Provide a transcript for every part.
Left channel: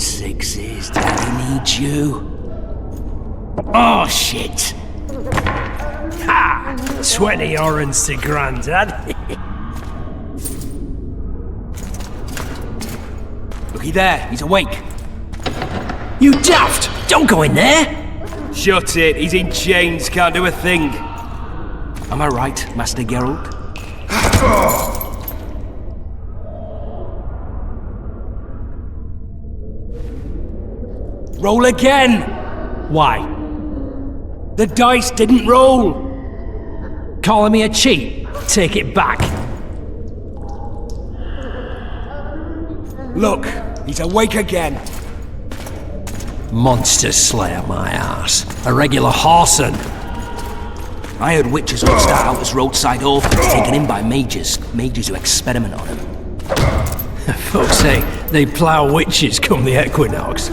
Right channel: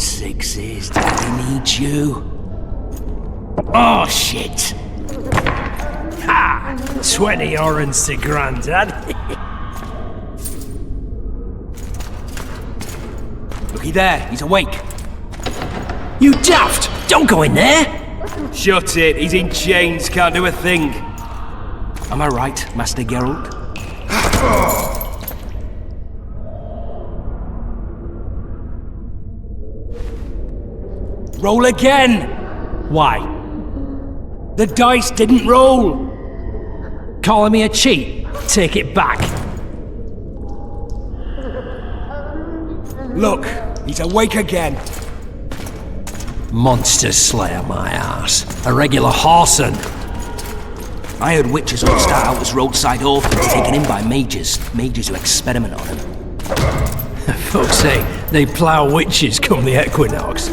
Sixes, Daddy needs you. Oh, shit! Ha! 20 orange to Grandad. Looky there, he's awake. You daft! Don't go in there! Shut it, he's in chains, can't do a thing. Am I right, Master Geralt? Roll again! Why? The dice didn't roll! Calling me a cheat? Take it back. Look, he's awake again. Monster Slayer, my ass. A regular whoreson. I heard witches would start out as roadside orphans taken in by mages. Mages who experiment on them. Folks say they plough witches come the equinox.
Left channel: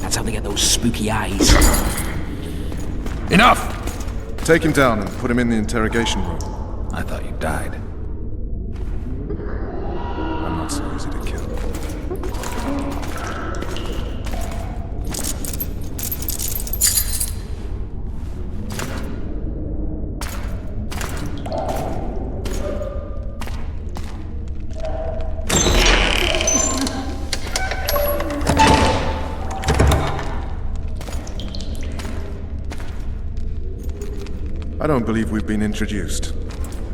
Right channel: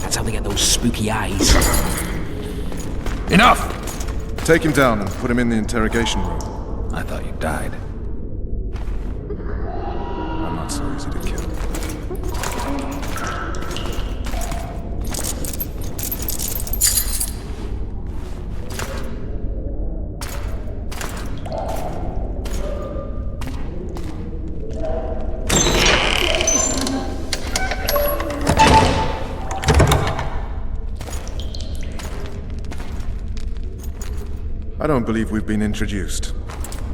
That's how they get those spooky eyes. Enough! Take him down and put him in the interrogation room. I thought you died. I'm not so easy to kill. I don't believe we've been introduced.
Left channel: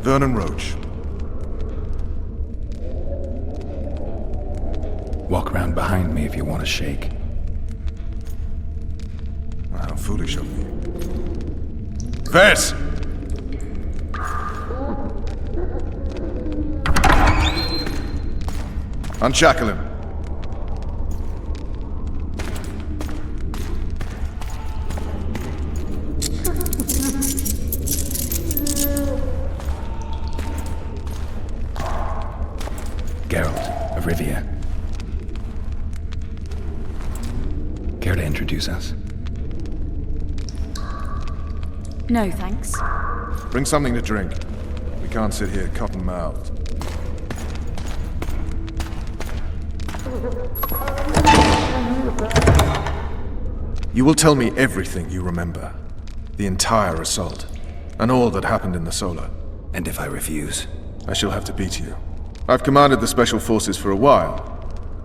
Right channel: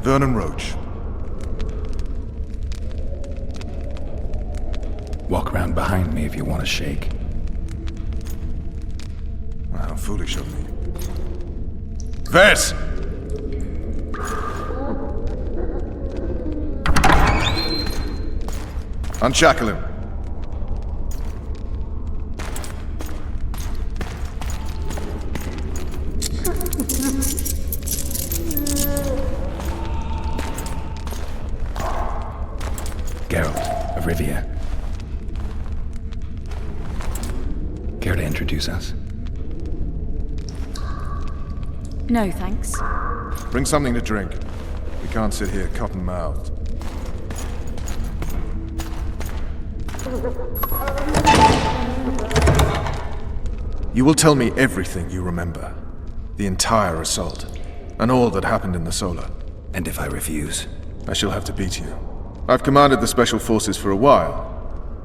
Vernon Roach. Walk around behind me if you want to shake. How foolish of me. Vess! Unshackle him. Geralt of Rivia. Care to introduce us? No, thanks. Bring something to drink. We can't sit here cotton-mouthed. You will tell me everything you remember. The entire assault. And all that happened in the Solar. And if I refuse? I shall have to beat you. I've commanded the Special Forces for a while.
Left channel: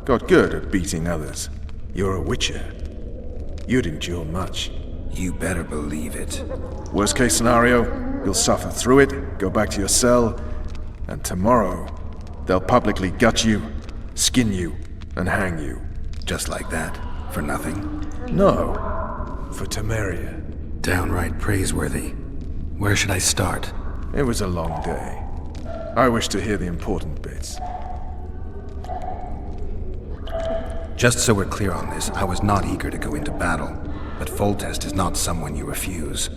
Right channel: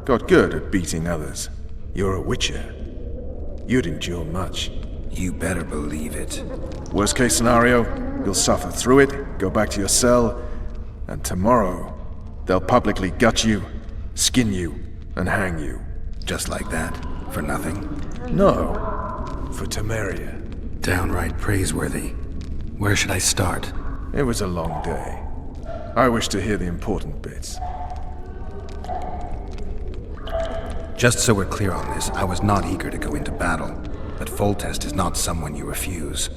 Got good at beating others. You're a Witcher. You'd endure much. You better believe it. Worst case scenario, you'll suffer through it, go back to your cell, and tomorrow, they'll publicly gut you, skin you, and hang you. Just like that? For nothing? No, for Temeria. Downright praiseworthy. Where should I start? It was a long day. I wish to hear the important bits. Just so we're clear on this, I was not eager to go into battle, but Foltest is not someone you refuse.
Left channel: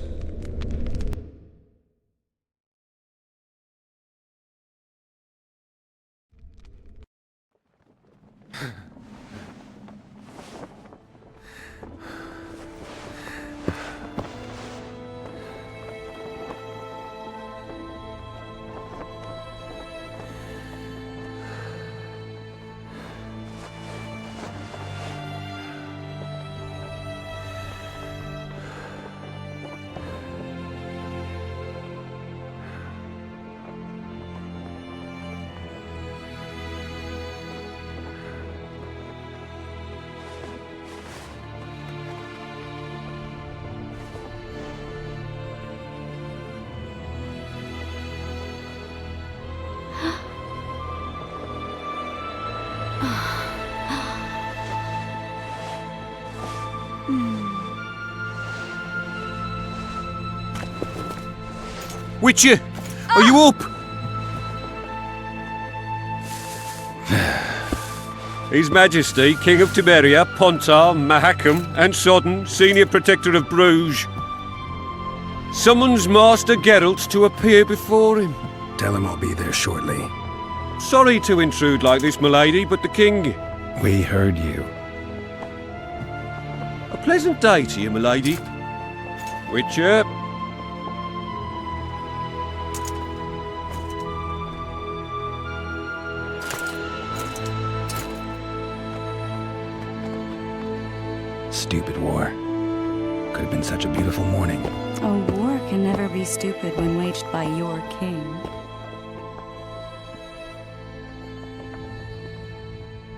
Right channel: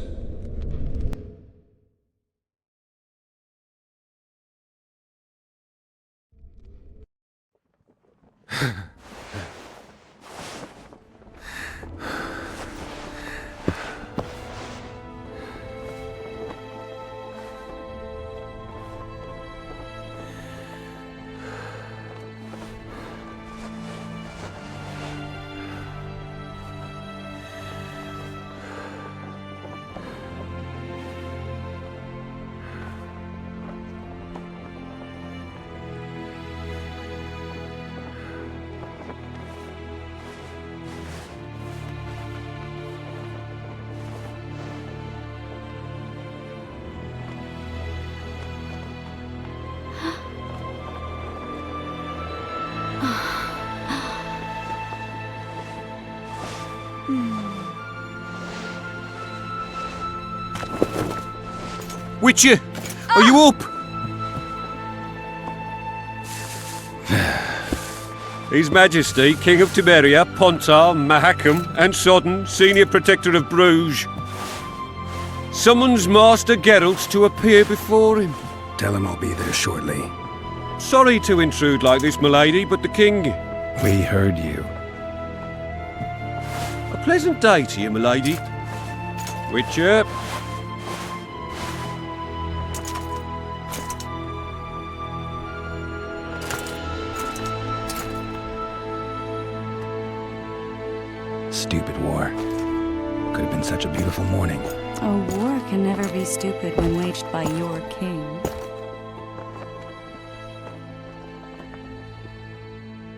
Witcher, are you up? His Majesty, King of Temeria, Pontar, Mahakam, and Sodden, Senior Protector of Bruges, summons Master Geralt to appear before him. Tell him I'll be there shortly. Sorry to intrude like this, milady, but the King... We heard you. A pleasant day to you, milady. Witcher. stupid war. Could have been such a beautiful morning. A war can never be stupid when waged by your king.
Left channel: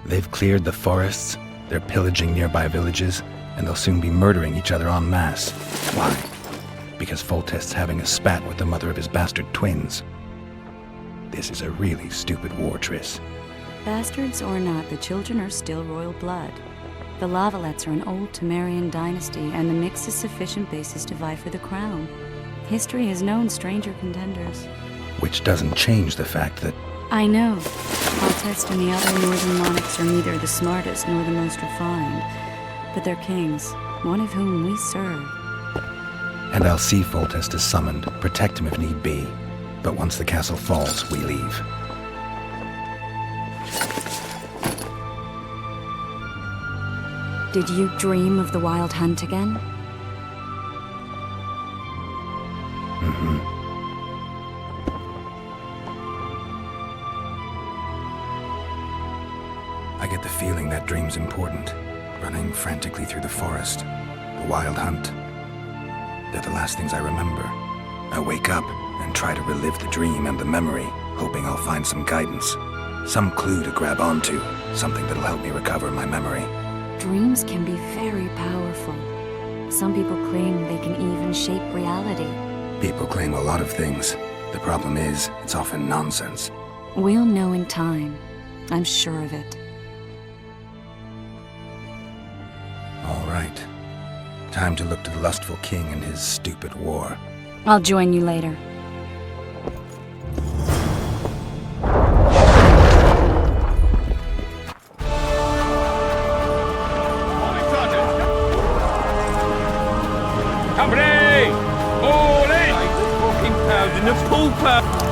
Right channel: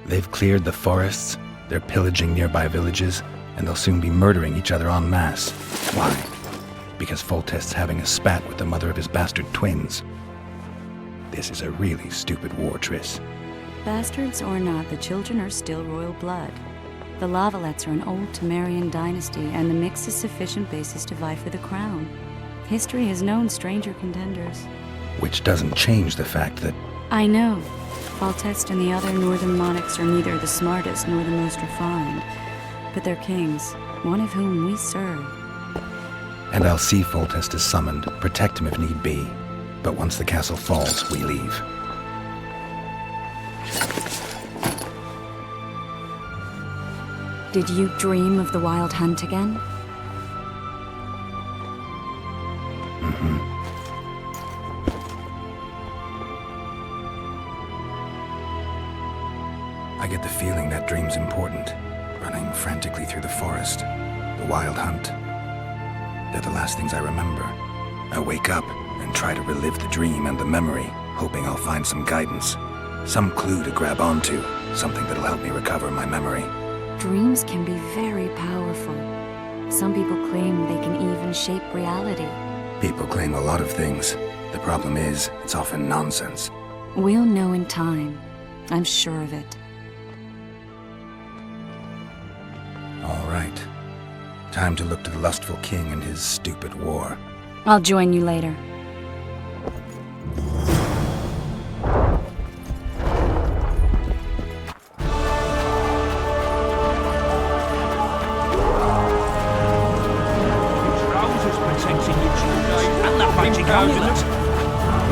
They've cleared the forests, they're pillaging nearby villages, and they'll soon be murdering each other en masse. Why? Because Foltest's having a spat with the mother of his bastard twins. This is a really stupid war, Triss. Bastards or not, the children are still royal blood. The Lavalettes are an old Temerian dynasty, and the mix is sufficient basis to vie for the crown. History has known stranger contenders. Which doesn't change the fact that... I know. Foltest and the other northern monarchs are neither the smartest nor the most refined, but they're kings, one of whom we serve. And I'll see Foltest is summoned, protect him if need be. But once the castle falls, we leave. Did you dream of the Wild Hunt again? Mm-hmm. I get the feeling that dream's important. Running frantically through the forest. The Wild Hunt. They're the last things I remember. I wake up and try to relive the dream and the memory, hoping I'll find some guidance. Some clue to grab onto. Something that'll help me recover my memory. Dreams can be very powerful. Some people claim they can even shape reality. People claim a lot of things. The problem is, it's often nonsense. We'll know in time. I'm sure of it. All right. Time to look to the lustful king and his stupid war. I'll join you later.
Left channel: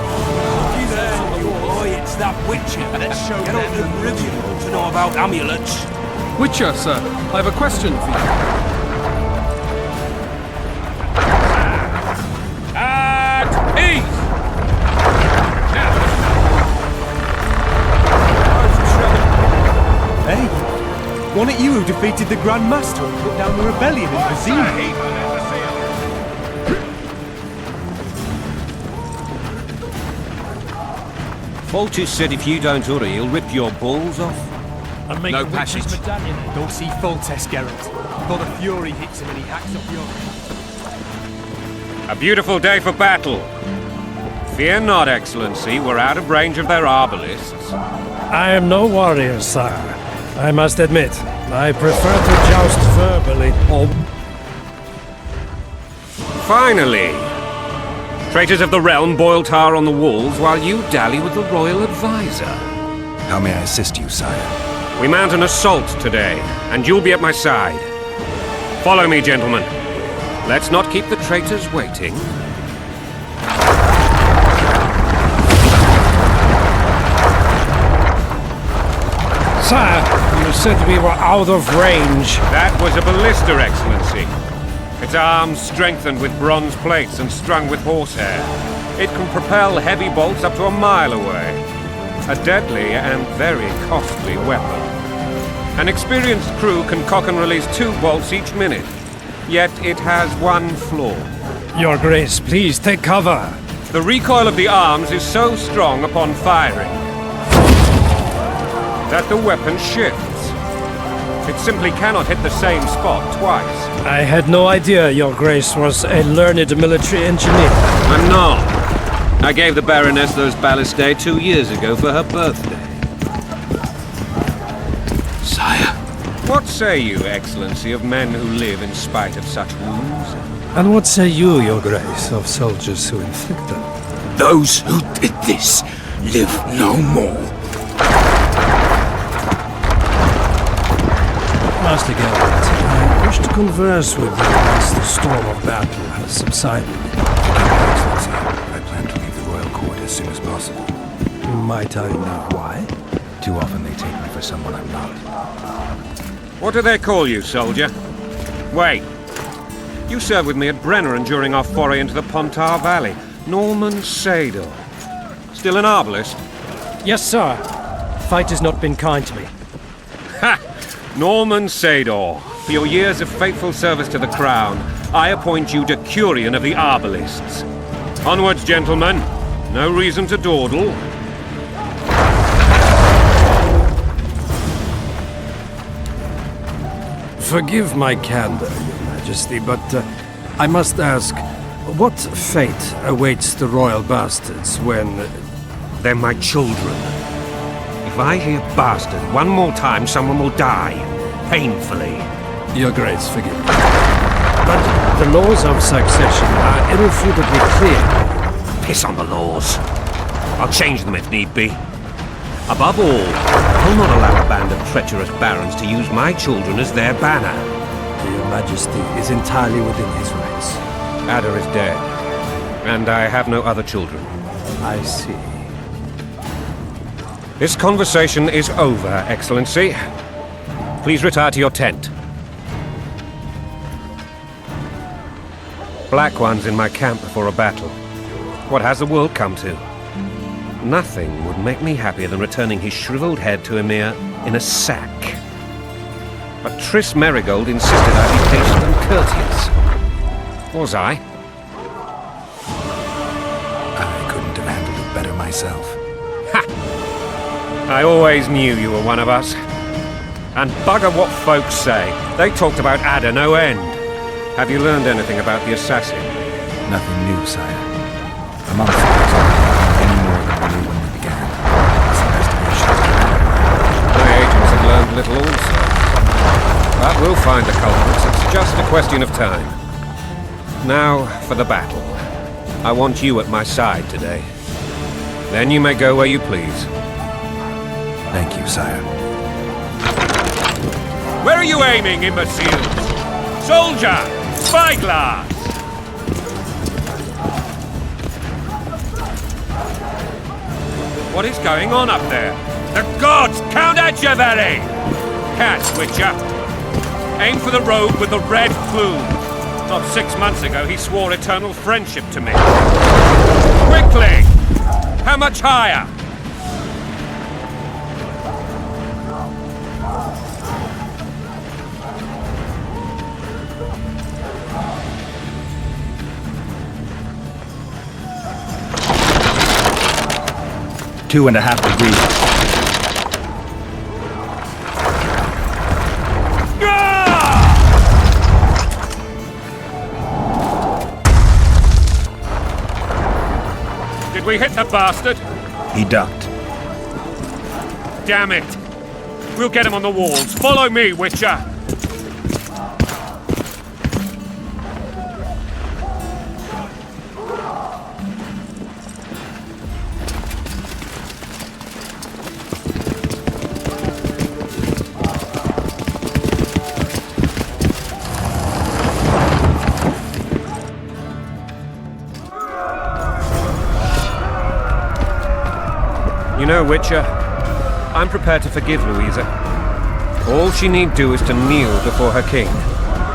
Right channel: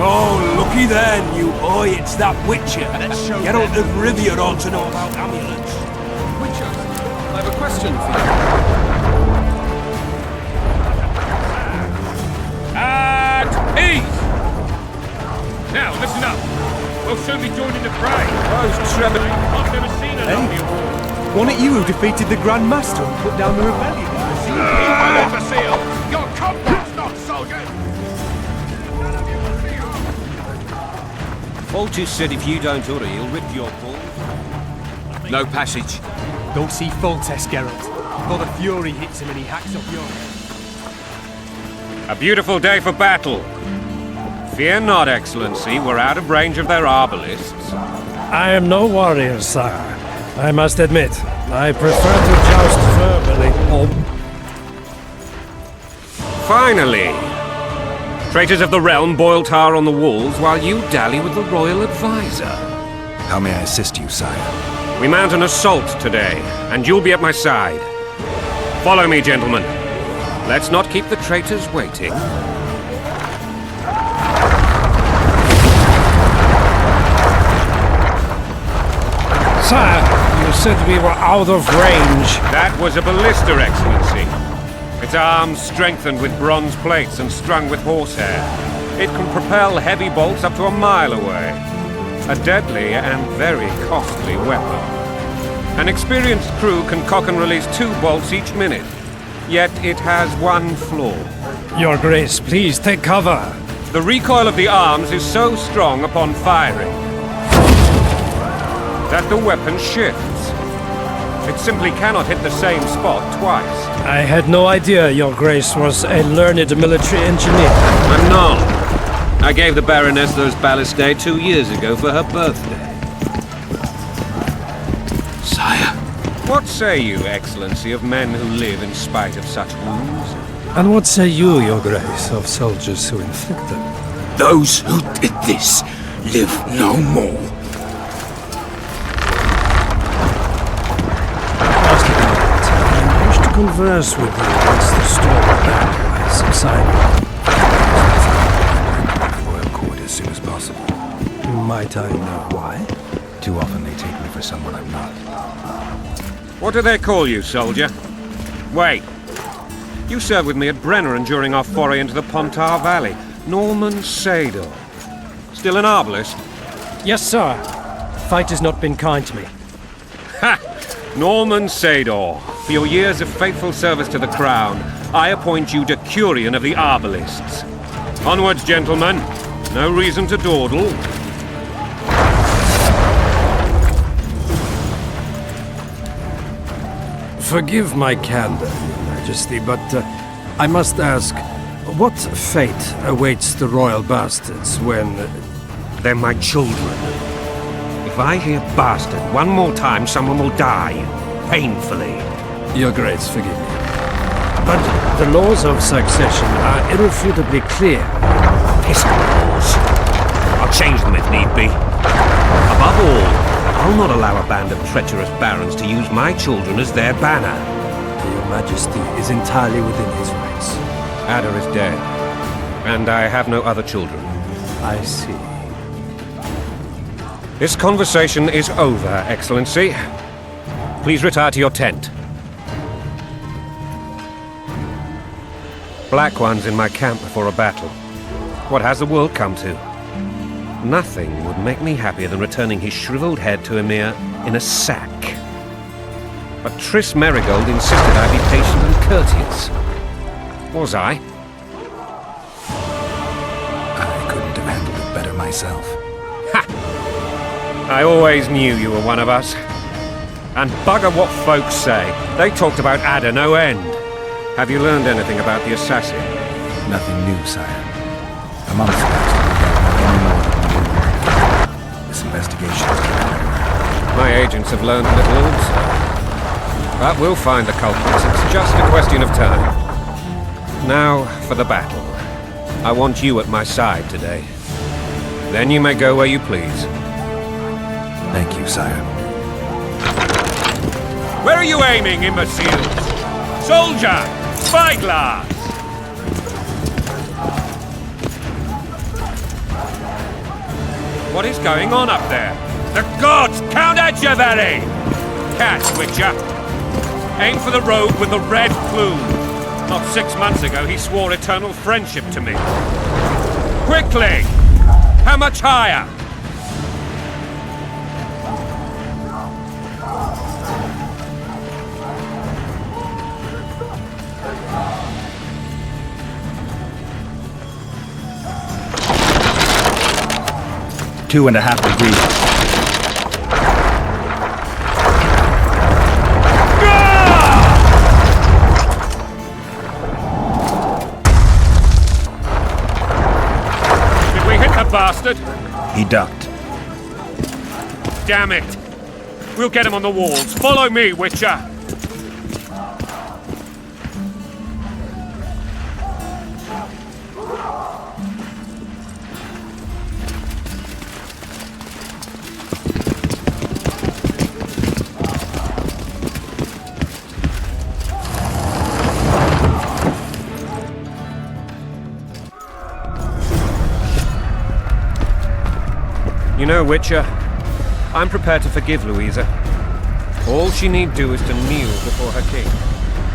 Oh, looky then, you boy, it's that Witcher. Geralt of Rivia ought to know about amulets. Witcher, sir, I have a question for you. At ease! Now, listen up. We'll soon be joining the Hey, wasn't it you who defeated the Grand Master and put down the rebellion in Vizima? Foltest said if you don't hurry, he'll rip your balls off. No passage. Don't see Foltest, Geralt. Before the fury hits him and he hacks off your head. A beautiful day for battle. Fear not, Excellency, we're out of range of their arbalists. I am no warrior, sire. I must admit, I prefer to joust verbally. Finally! Traitors of the realm boil tar on the walls while you dally with the royal advisor. How may I assist you, sire? We mount an assault today, and you'll be at my side. Follow me, gentlemen. Let's not keep the traitors waiting. Sire, you said we were out of range. That was a ballista, Excellency. Its arms strengthened with bronze plates and strung with horsehair. It can propel heavy bolts up to a mile away. A deadly and very costly weapon. An experienced crew can cock and release 2 bolts each minute. Yet it has one flaw. Your Grace, please take cover. The recoil of the arms is so strong upon firing that the weapon shifts. It simply cannot hit the same spot twice. I had no idea Your Grace was a learned military engineer. I'm not. I gave the Baroness those ballistae 2 years ago for her birthday. Sire. What say you, Excellency, of men who live in spite of such wounds? And what say you, Your Grace, of soldiers who inflict them? Those who did this live no more. Master Geralt, I wish to converse with you once the storm of battle has subsided. I plan to leave the royal court as soon as possible. Might I know why? Too often they take me for someone I'm not. What do they call you, soldier? Wait. You served with me at Brenner and during our foray into the Pontar Valley. Norman Sador. Still an arbalist? Yes, sir. Fight has not been kind to me. Ha! Norman Sador, For your years of faithful service to the crown, I appoint you Decurion of the Arbalists. Onwards, gentlemen. No reason to dawdle. Forgive my candor, Your Majesty, but I must ask, what fate awaits the royal bastards when... They're my children. If I hear bastard one more time, someone will die. Painfully. Your Grace, forgive me. But the laws of succession are irrefutably clear. Piss on the laws. I'll change them if need be. Above all, I'll not allow a band of treacherous barons to use my children as their banner. Your Majesty is entirely within his rights. Ada is dead, and I have no other children. I see. This conversation is over, Excellency. Please retire to your tent. Black ones in my camp before a battle. What has the world come to? Nothing would make me happier than returning his shriveled head to Emir in a sack. But Triss Merigold insisted I be patient and courteous. Was I? I couldn't have handled it better myself. Ha! I always knew you were one of us. And bugger what folks say. They talked about Ada no end. Have you learned anything about the assassin? Nothing new, sire. A month ago, I don't know any more than we knew when we began. This investigation is going everywhere. My agents have learned little also. But we'll find the culprits. It's just a question of time. Now for the battle. I want you at my side today. Then you may go where you please. Thank you, sire. Where are you aiming, imbeciles? Soldier! Spyglass! What is going on up there? The gods! Count Etcheverry! Catch, Witcher! Aim for the rogue with the red plume. Not 6 months ago, he swore eternal friendship to me. Quickly! How much higher? Two and a half degrees. Did we hit the bastard? He ducked. Damn it! We'll get him on the walls. Follow me, Witcher! You know, Witcher, I'm prepared to forgive Louisa. All she need do is to kneel before her king.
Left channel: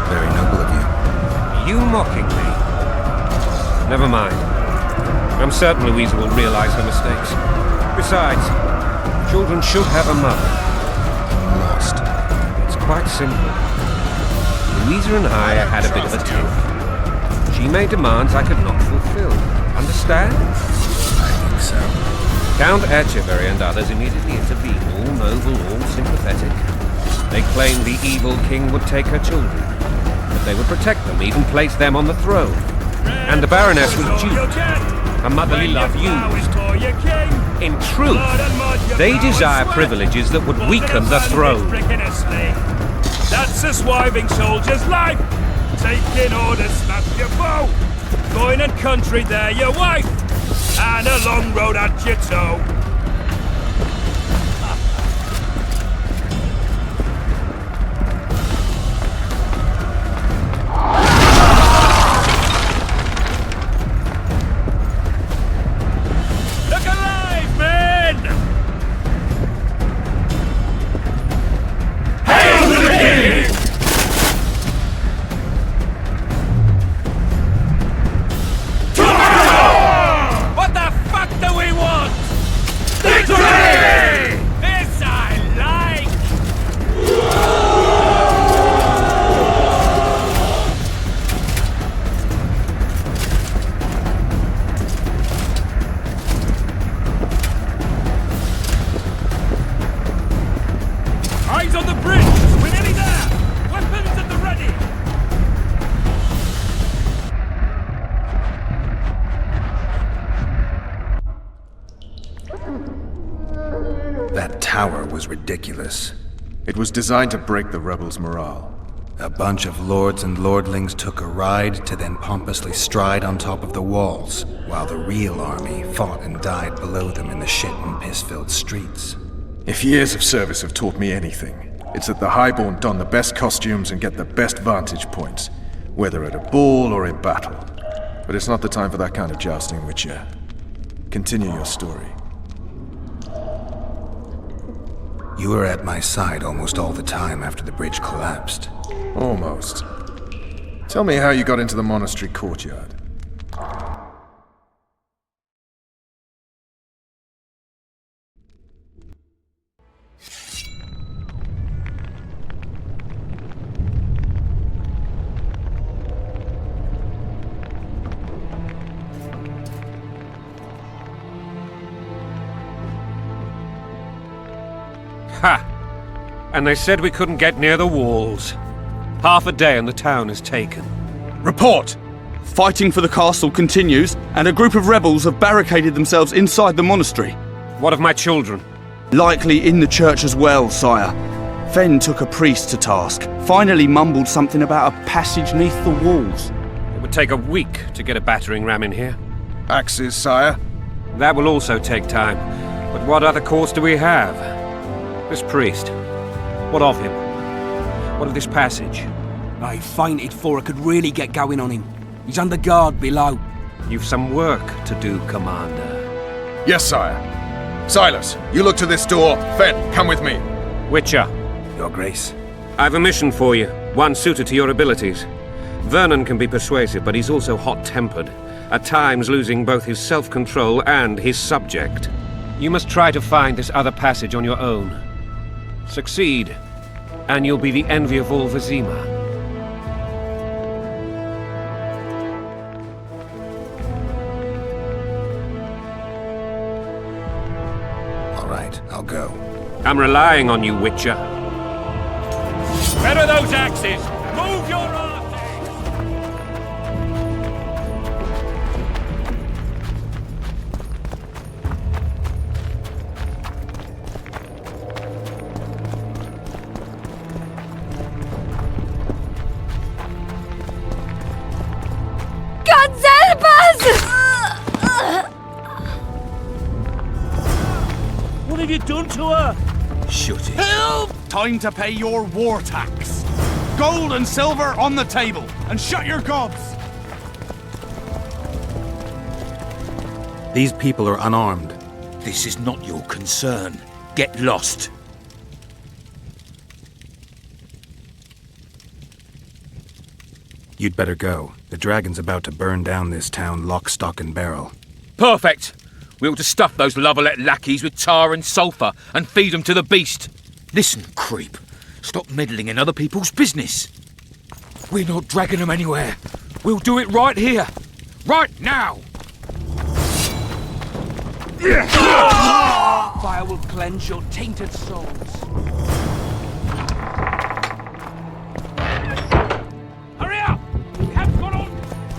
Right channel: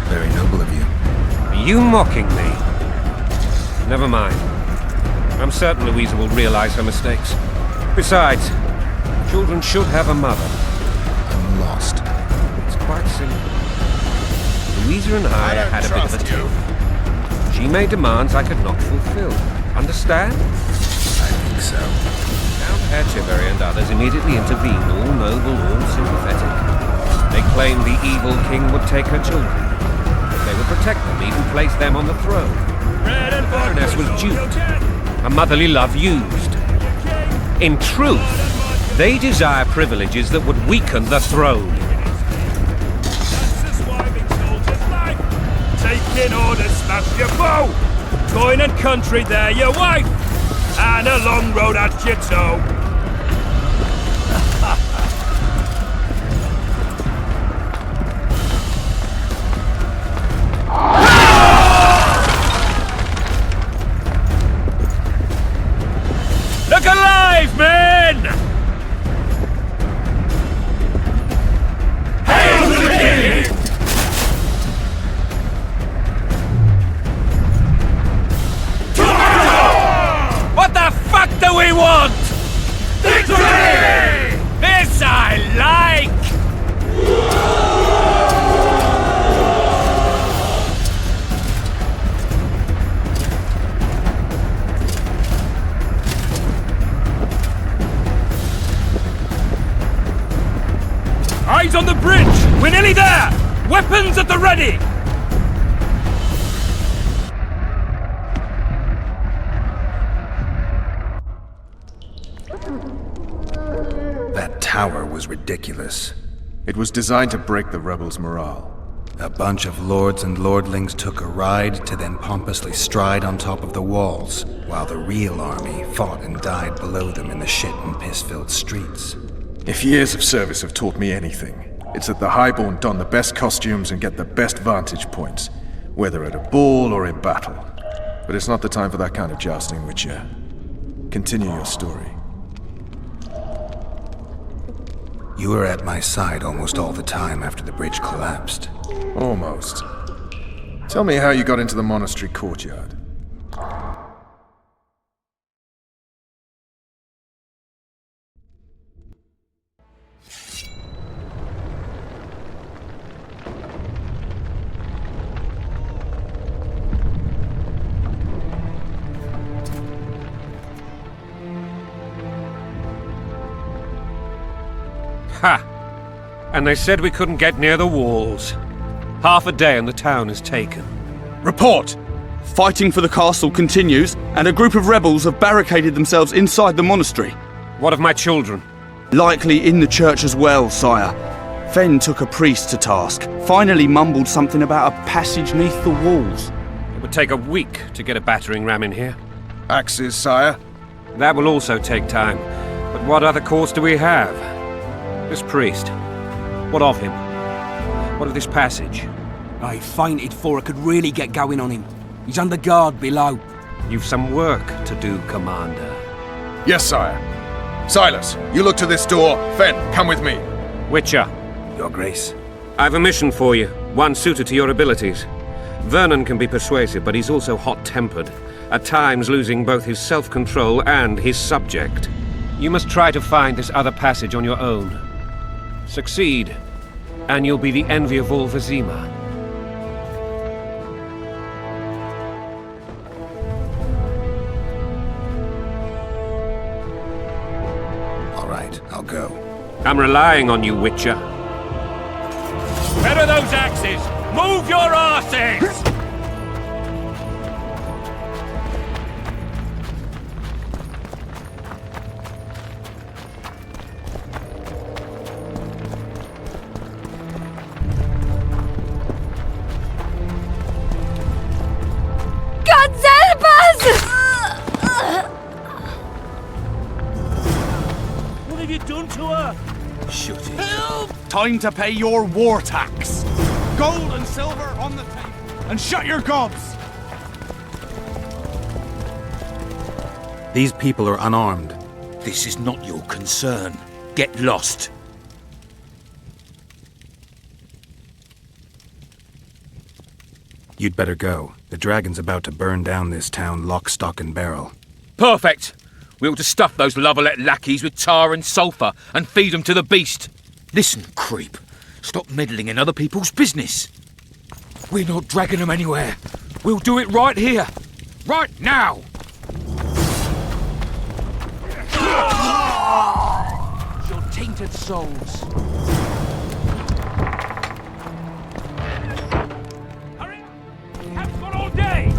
Very noble of you. Are you mocking me? Never mind. I'm certain Louisa will realize her mistakes. Besides, children should have a mother. I'm lost. It's quite simple. Louisa and I had a bit of a tiff. She made demands I could not fulfill. Understand? I think so. Count Etcheverry and others immediately intervened, all noble, all sympathetic. They claimed the evil king would take her children, but they would protect them, even place them on the throne. And the Baroness was duped, her motherly love used. In truth, they desire privileges that would weaken the throne. That's a swiving soldier's life. Taking orders, smash your bow. Coin and country, there your wife. And a long road at your toe. Look alive, men! Hail to the king! What the fuck do we want? Victory! This I like! Eyes on the bridge! We're nearly there! Weapons at the ready! That tower was ridiculous. It was designed to break the rebels' morale. A bunch of lords and lordlings took a ride to then pompously stride on top of the walls, while the real army fought and died below them in the shit and piss-filled streets. If years of service have taught me anything, it's that the highborn don the best costumes and get the best vantage points, whether at a ball or in battle. But it's not the time for that kind of jousting, Witcher. Continue your story. You were at my side almost all the time after the bridge collapsed. Almost. Tell me how you got into the monastery courtyard. Ha! And they said we couldn't get near the walls. Half a day and the town is taken. Report! Fighting for the castle continues, and a group of rebels have barricaded themselves inside the monastery. What of my children? Likely in the church as well, sire. Fen took a priest to task, finally mumbled something about a passage neath the walls. It would take a week to get a battering ram in here. Axes, sire? That will also take time. But what other course do we have? This priest. What of him? What of this passage? I fainted before I could really get going on him. He's under guard below. You've some work to do, Commander. Yes, sire. Silas, you look to this door. Fen, come with me. Witcher. Your Grace. I've a mission for you, one suited to your abilities. Vernon can be persuasive, but he's also hot-tempered, at times losing both his self-control and his subject. You must try to find this other passage on your own. Succeed, and you'll be the envy of all Vizima. All right, I'll go. I'm relying on you, Witcher. Where are those axes? Move your arses! What have you done to her? Shut it. Help! Time to pay your war tax. Gold and silver on the table, and shut your gobs! These people are unarmed. This is not your concern. Get lost. You'd better go. The dragon's about to burn down this town lock, stock, and barrel. Perfect. We ought to stuff those Lovelet lackeys with tar and sulphur and feed them to the beast. Listen, creep. Stop meddling in other people's business. We're not dragging them anywhere. We'll do it right here. Right now. Fire will cleanse your tainted souls. Hurry up! We haven't got all day!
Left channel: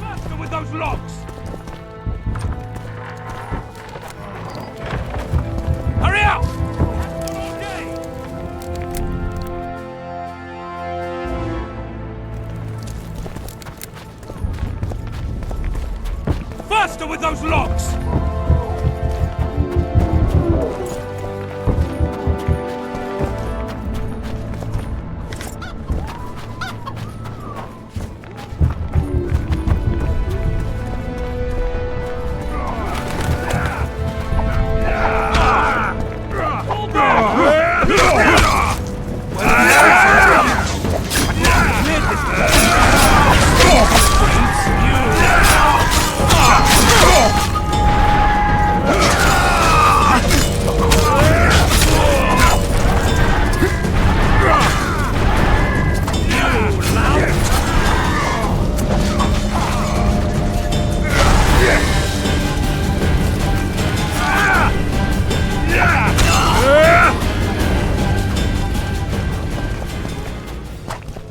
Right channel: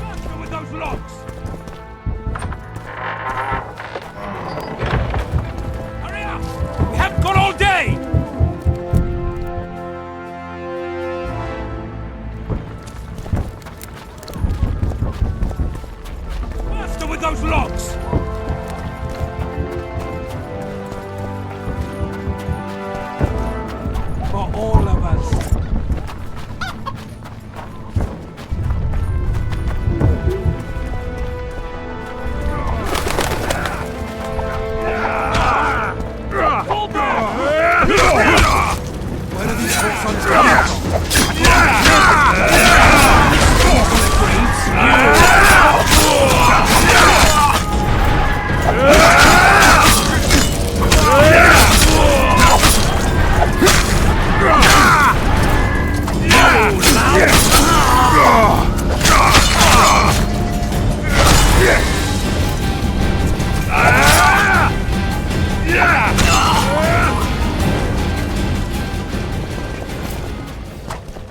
Faster with those locks! Hurry up! We haven't got all day!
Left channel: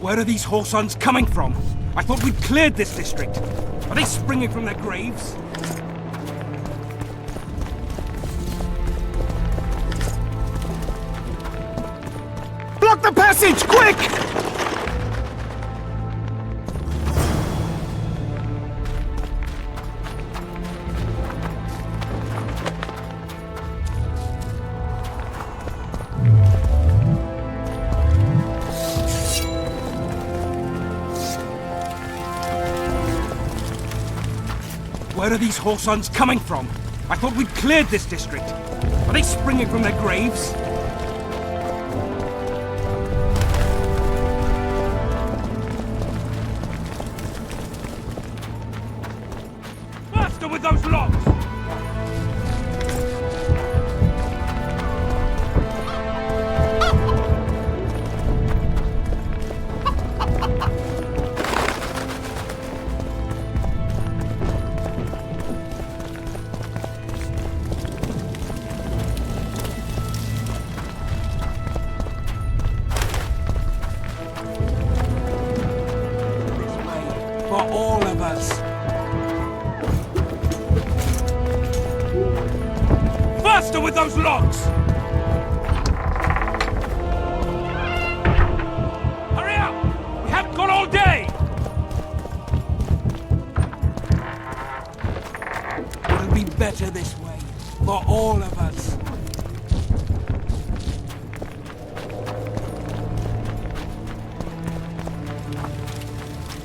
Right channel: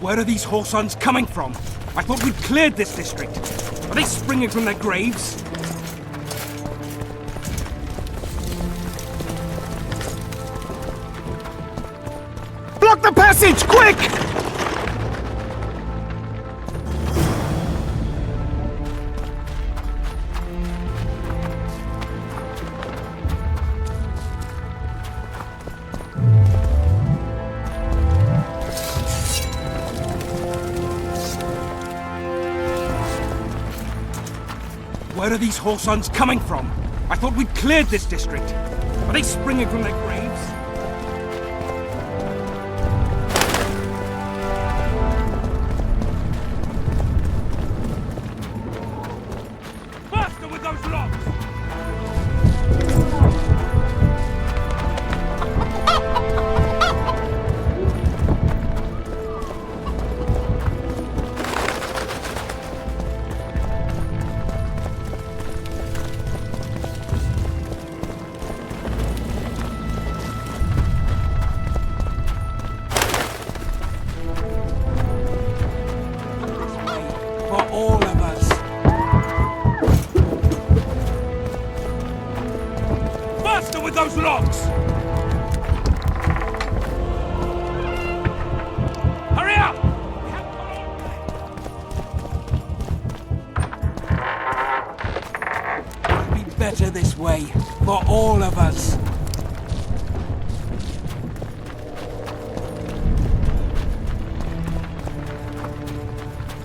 Where are these whoresons coming from? I thought we'd cleared this district. Are they springing from their graves? Block the passage, quick! Where are these whoresons coming from? I thought we'd cleared this district. Are they springing from their graves? Faster with those locks! For all of us. Faster with those locks! Hurry up! We haven't got all day! It'll be better this way, for all of us.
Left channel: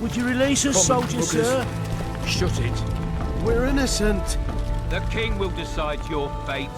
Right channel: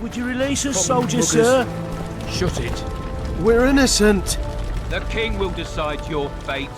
Would you release us, soldier, sir? Shut it. We're innocent. The king will decide your fate.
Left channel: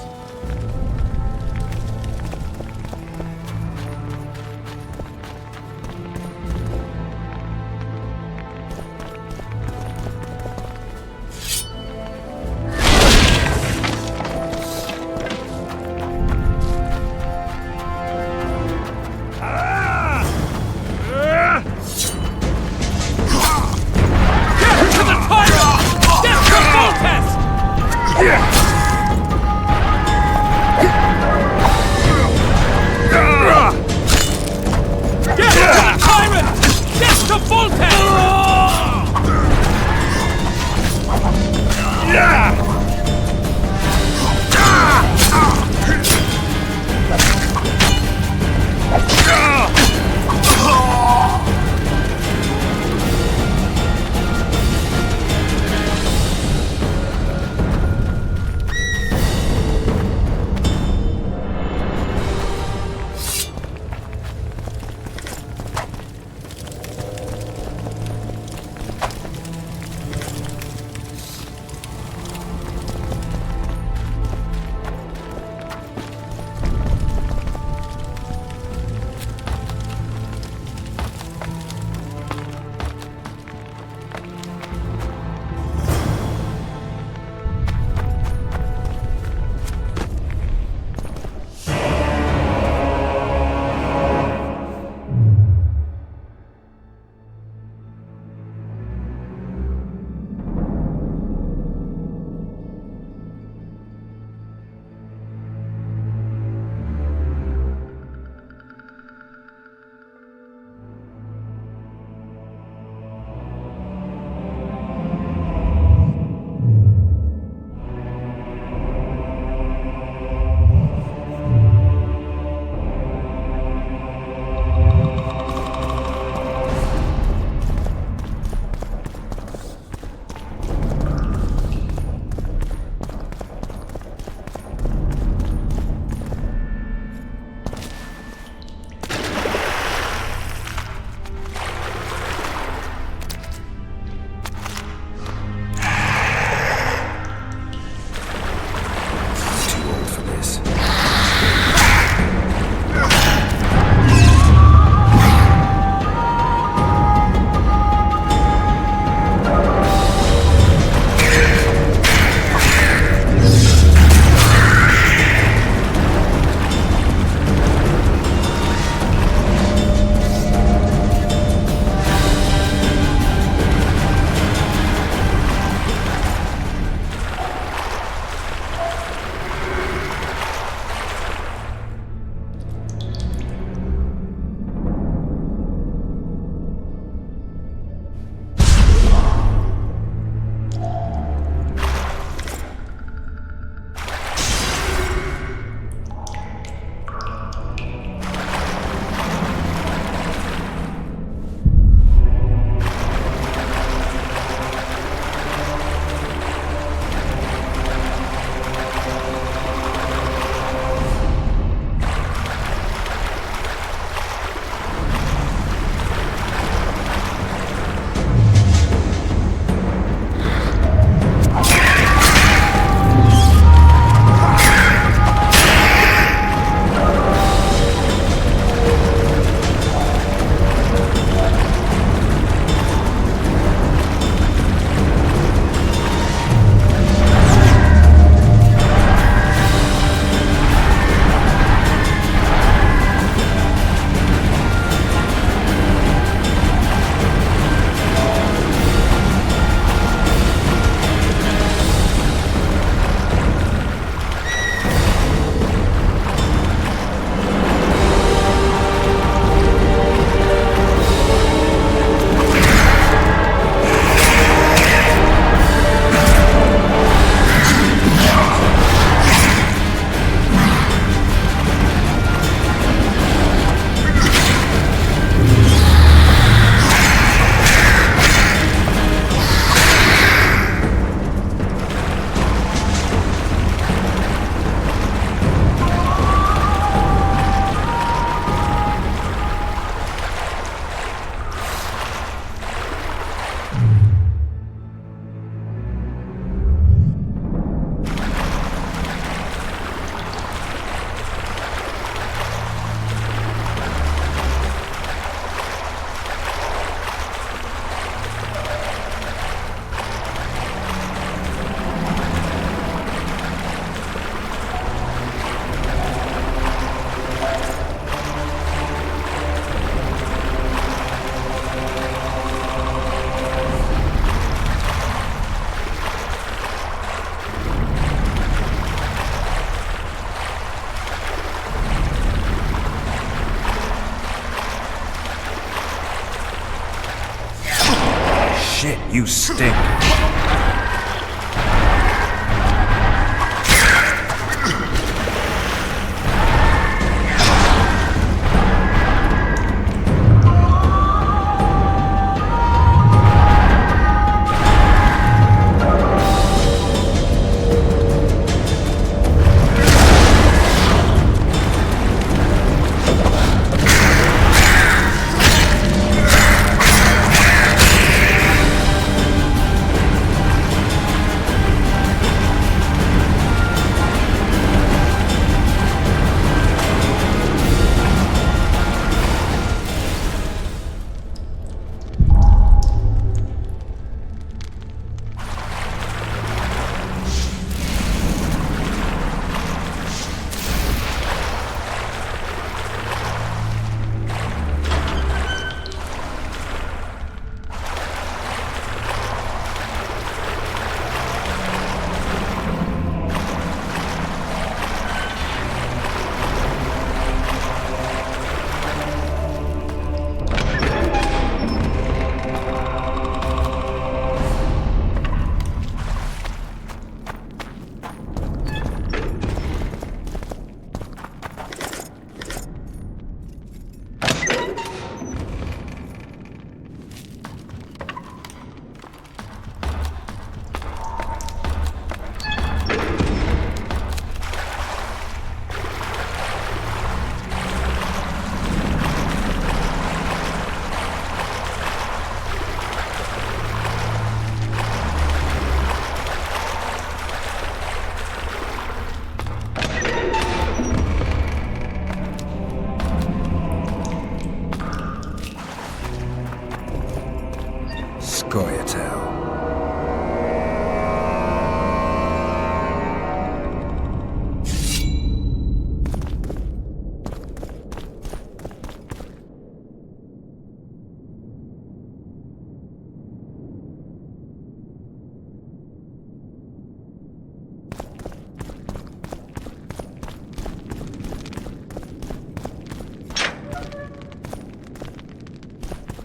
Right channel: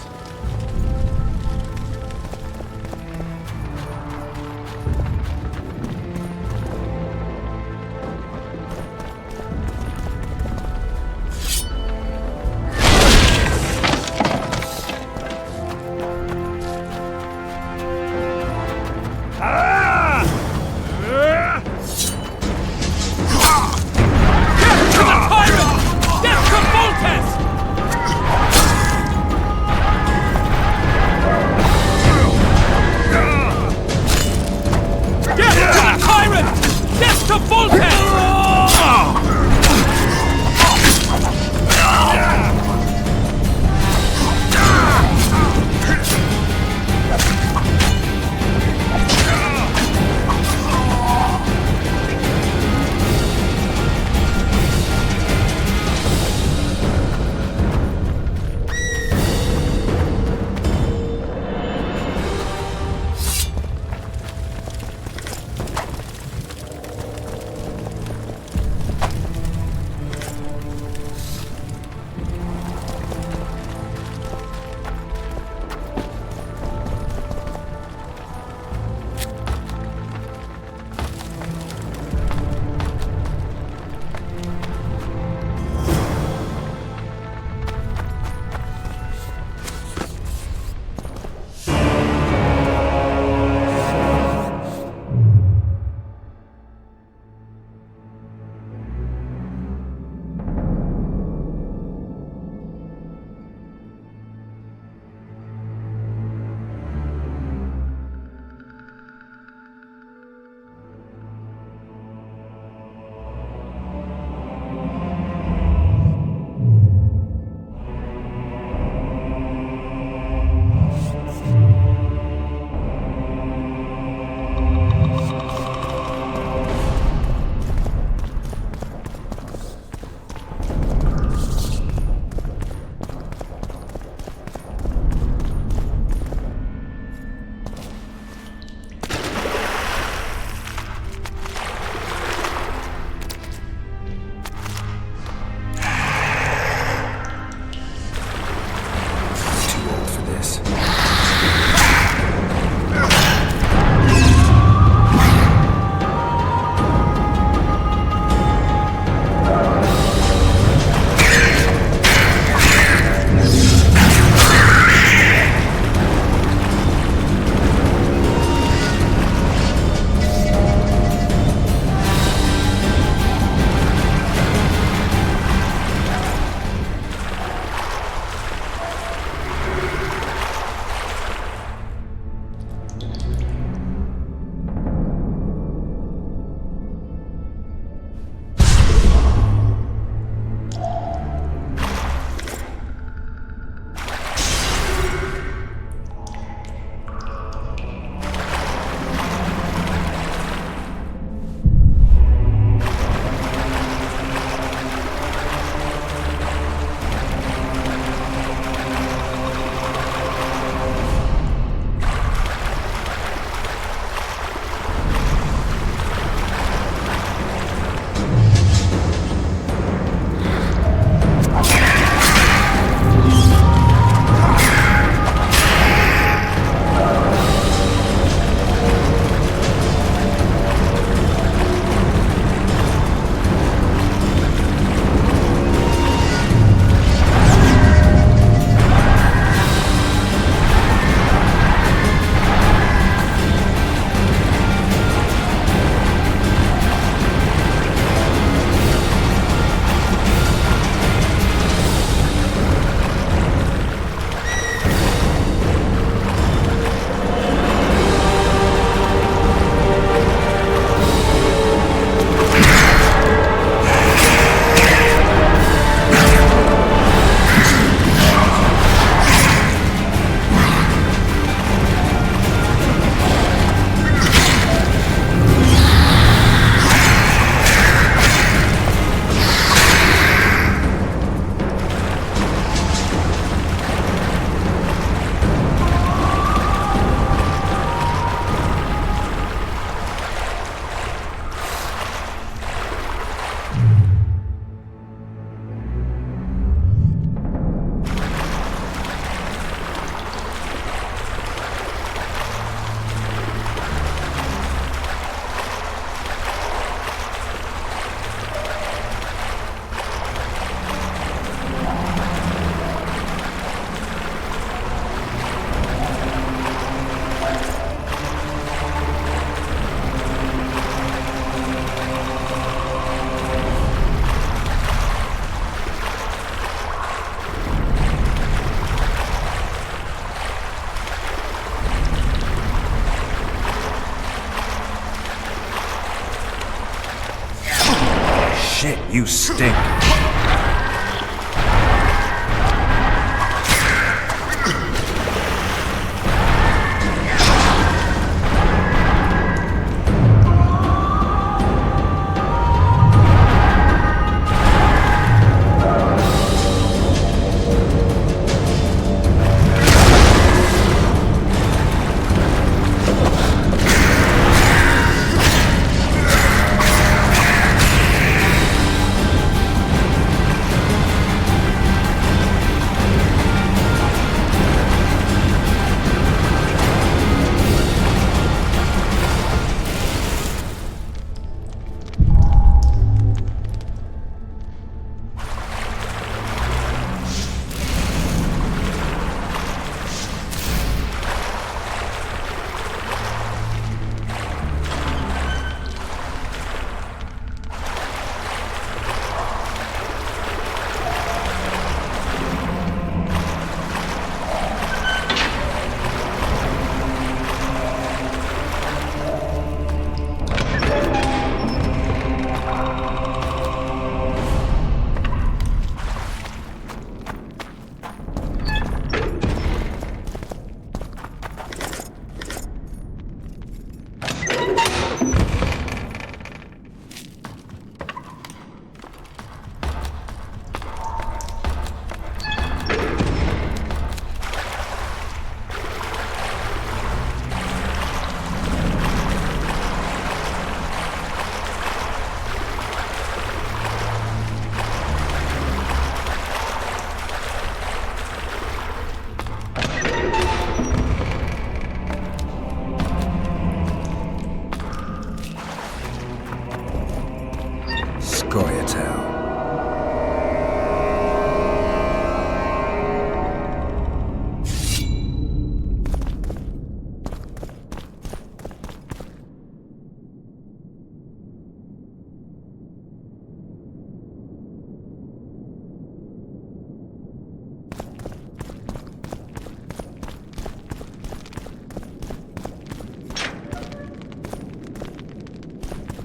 it. You stink. Scoia'tael.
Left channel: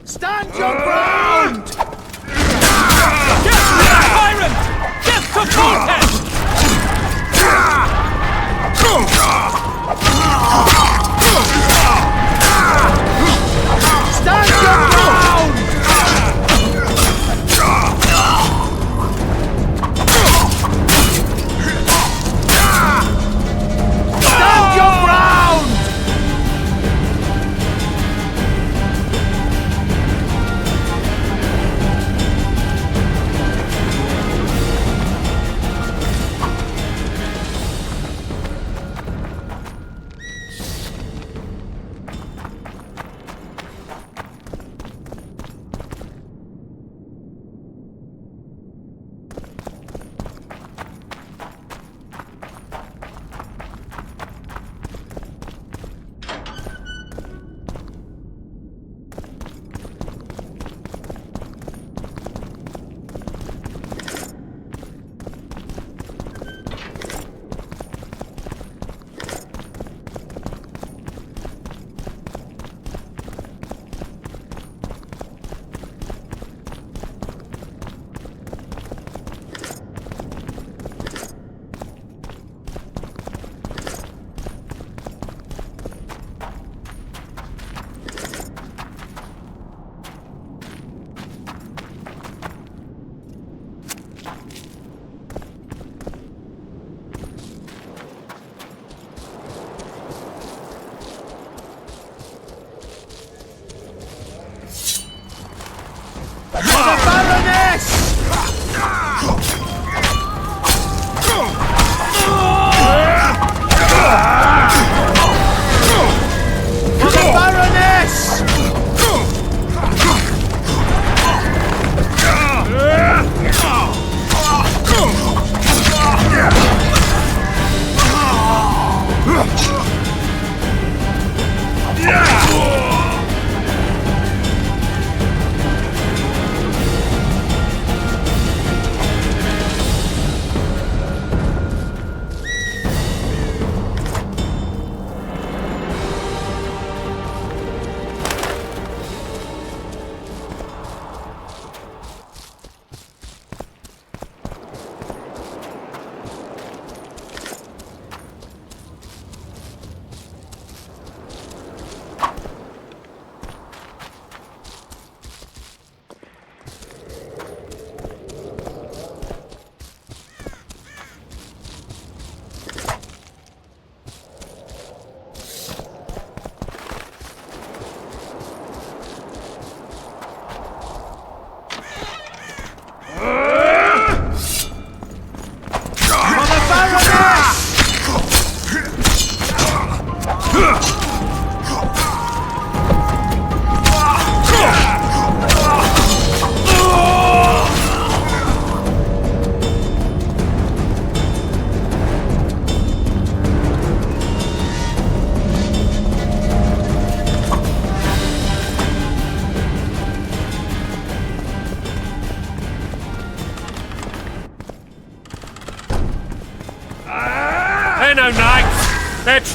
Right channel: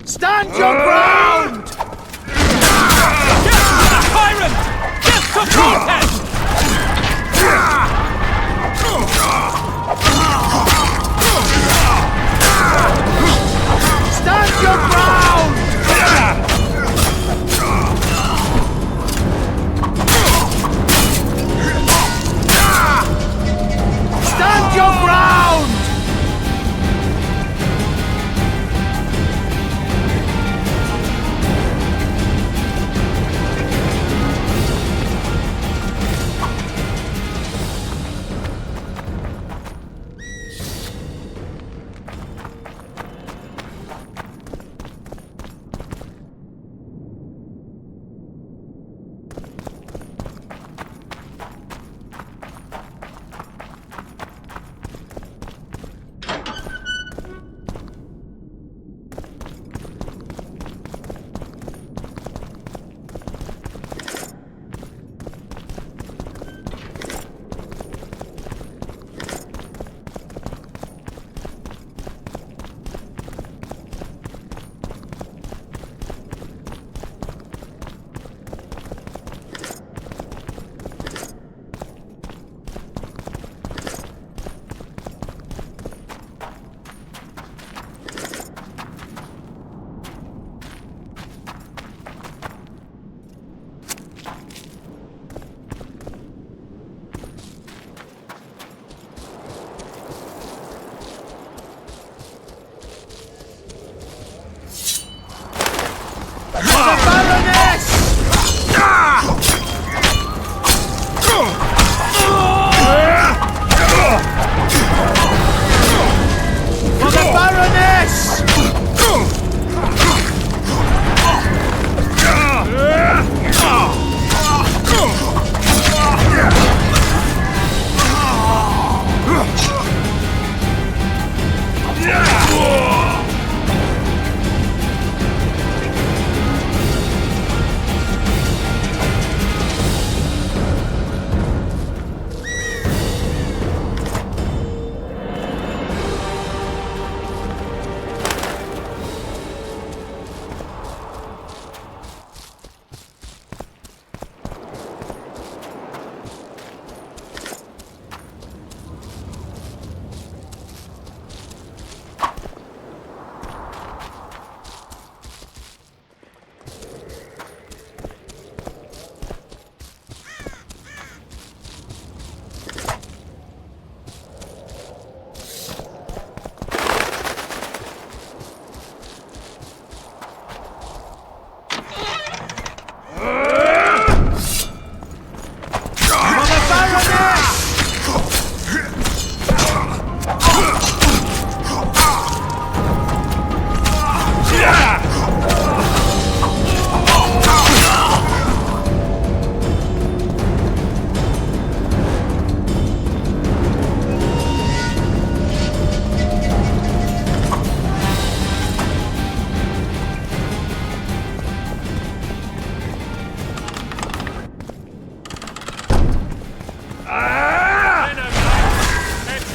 Stand your ground! Tyrant! Get supported! Stand your ground! Stand your ground!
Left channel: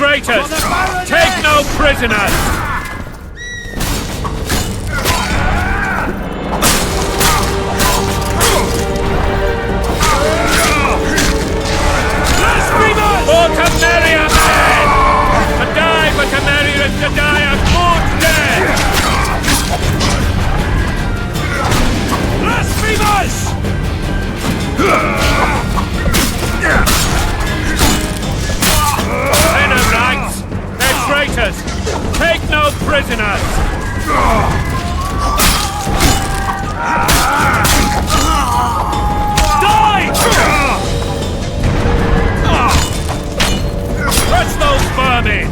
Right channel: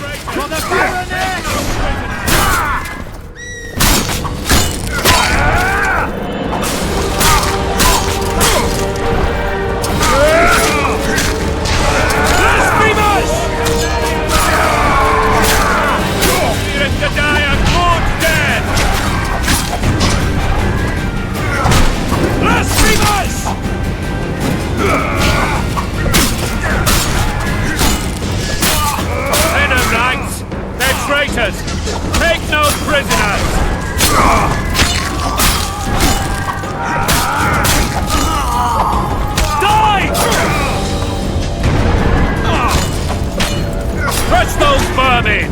traitors! Take no prisoners! To die a good death! Blasphemers! They're no knights! They're traitors! Take no prisoners! Die! Crush those vermin!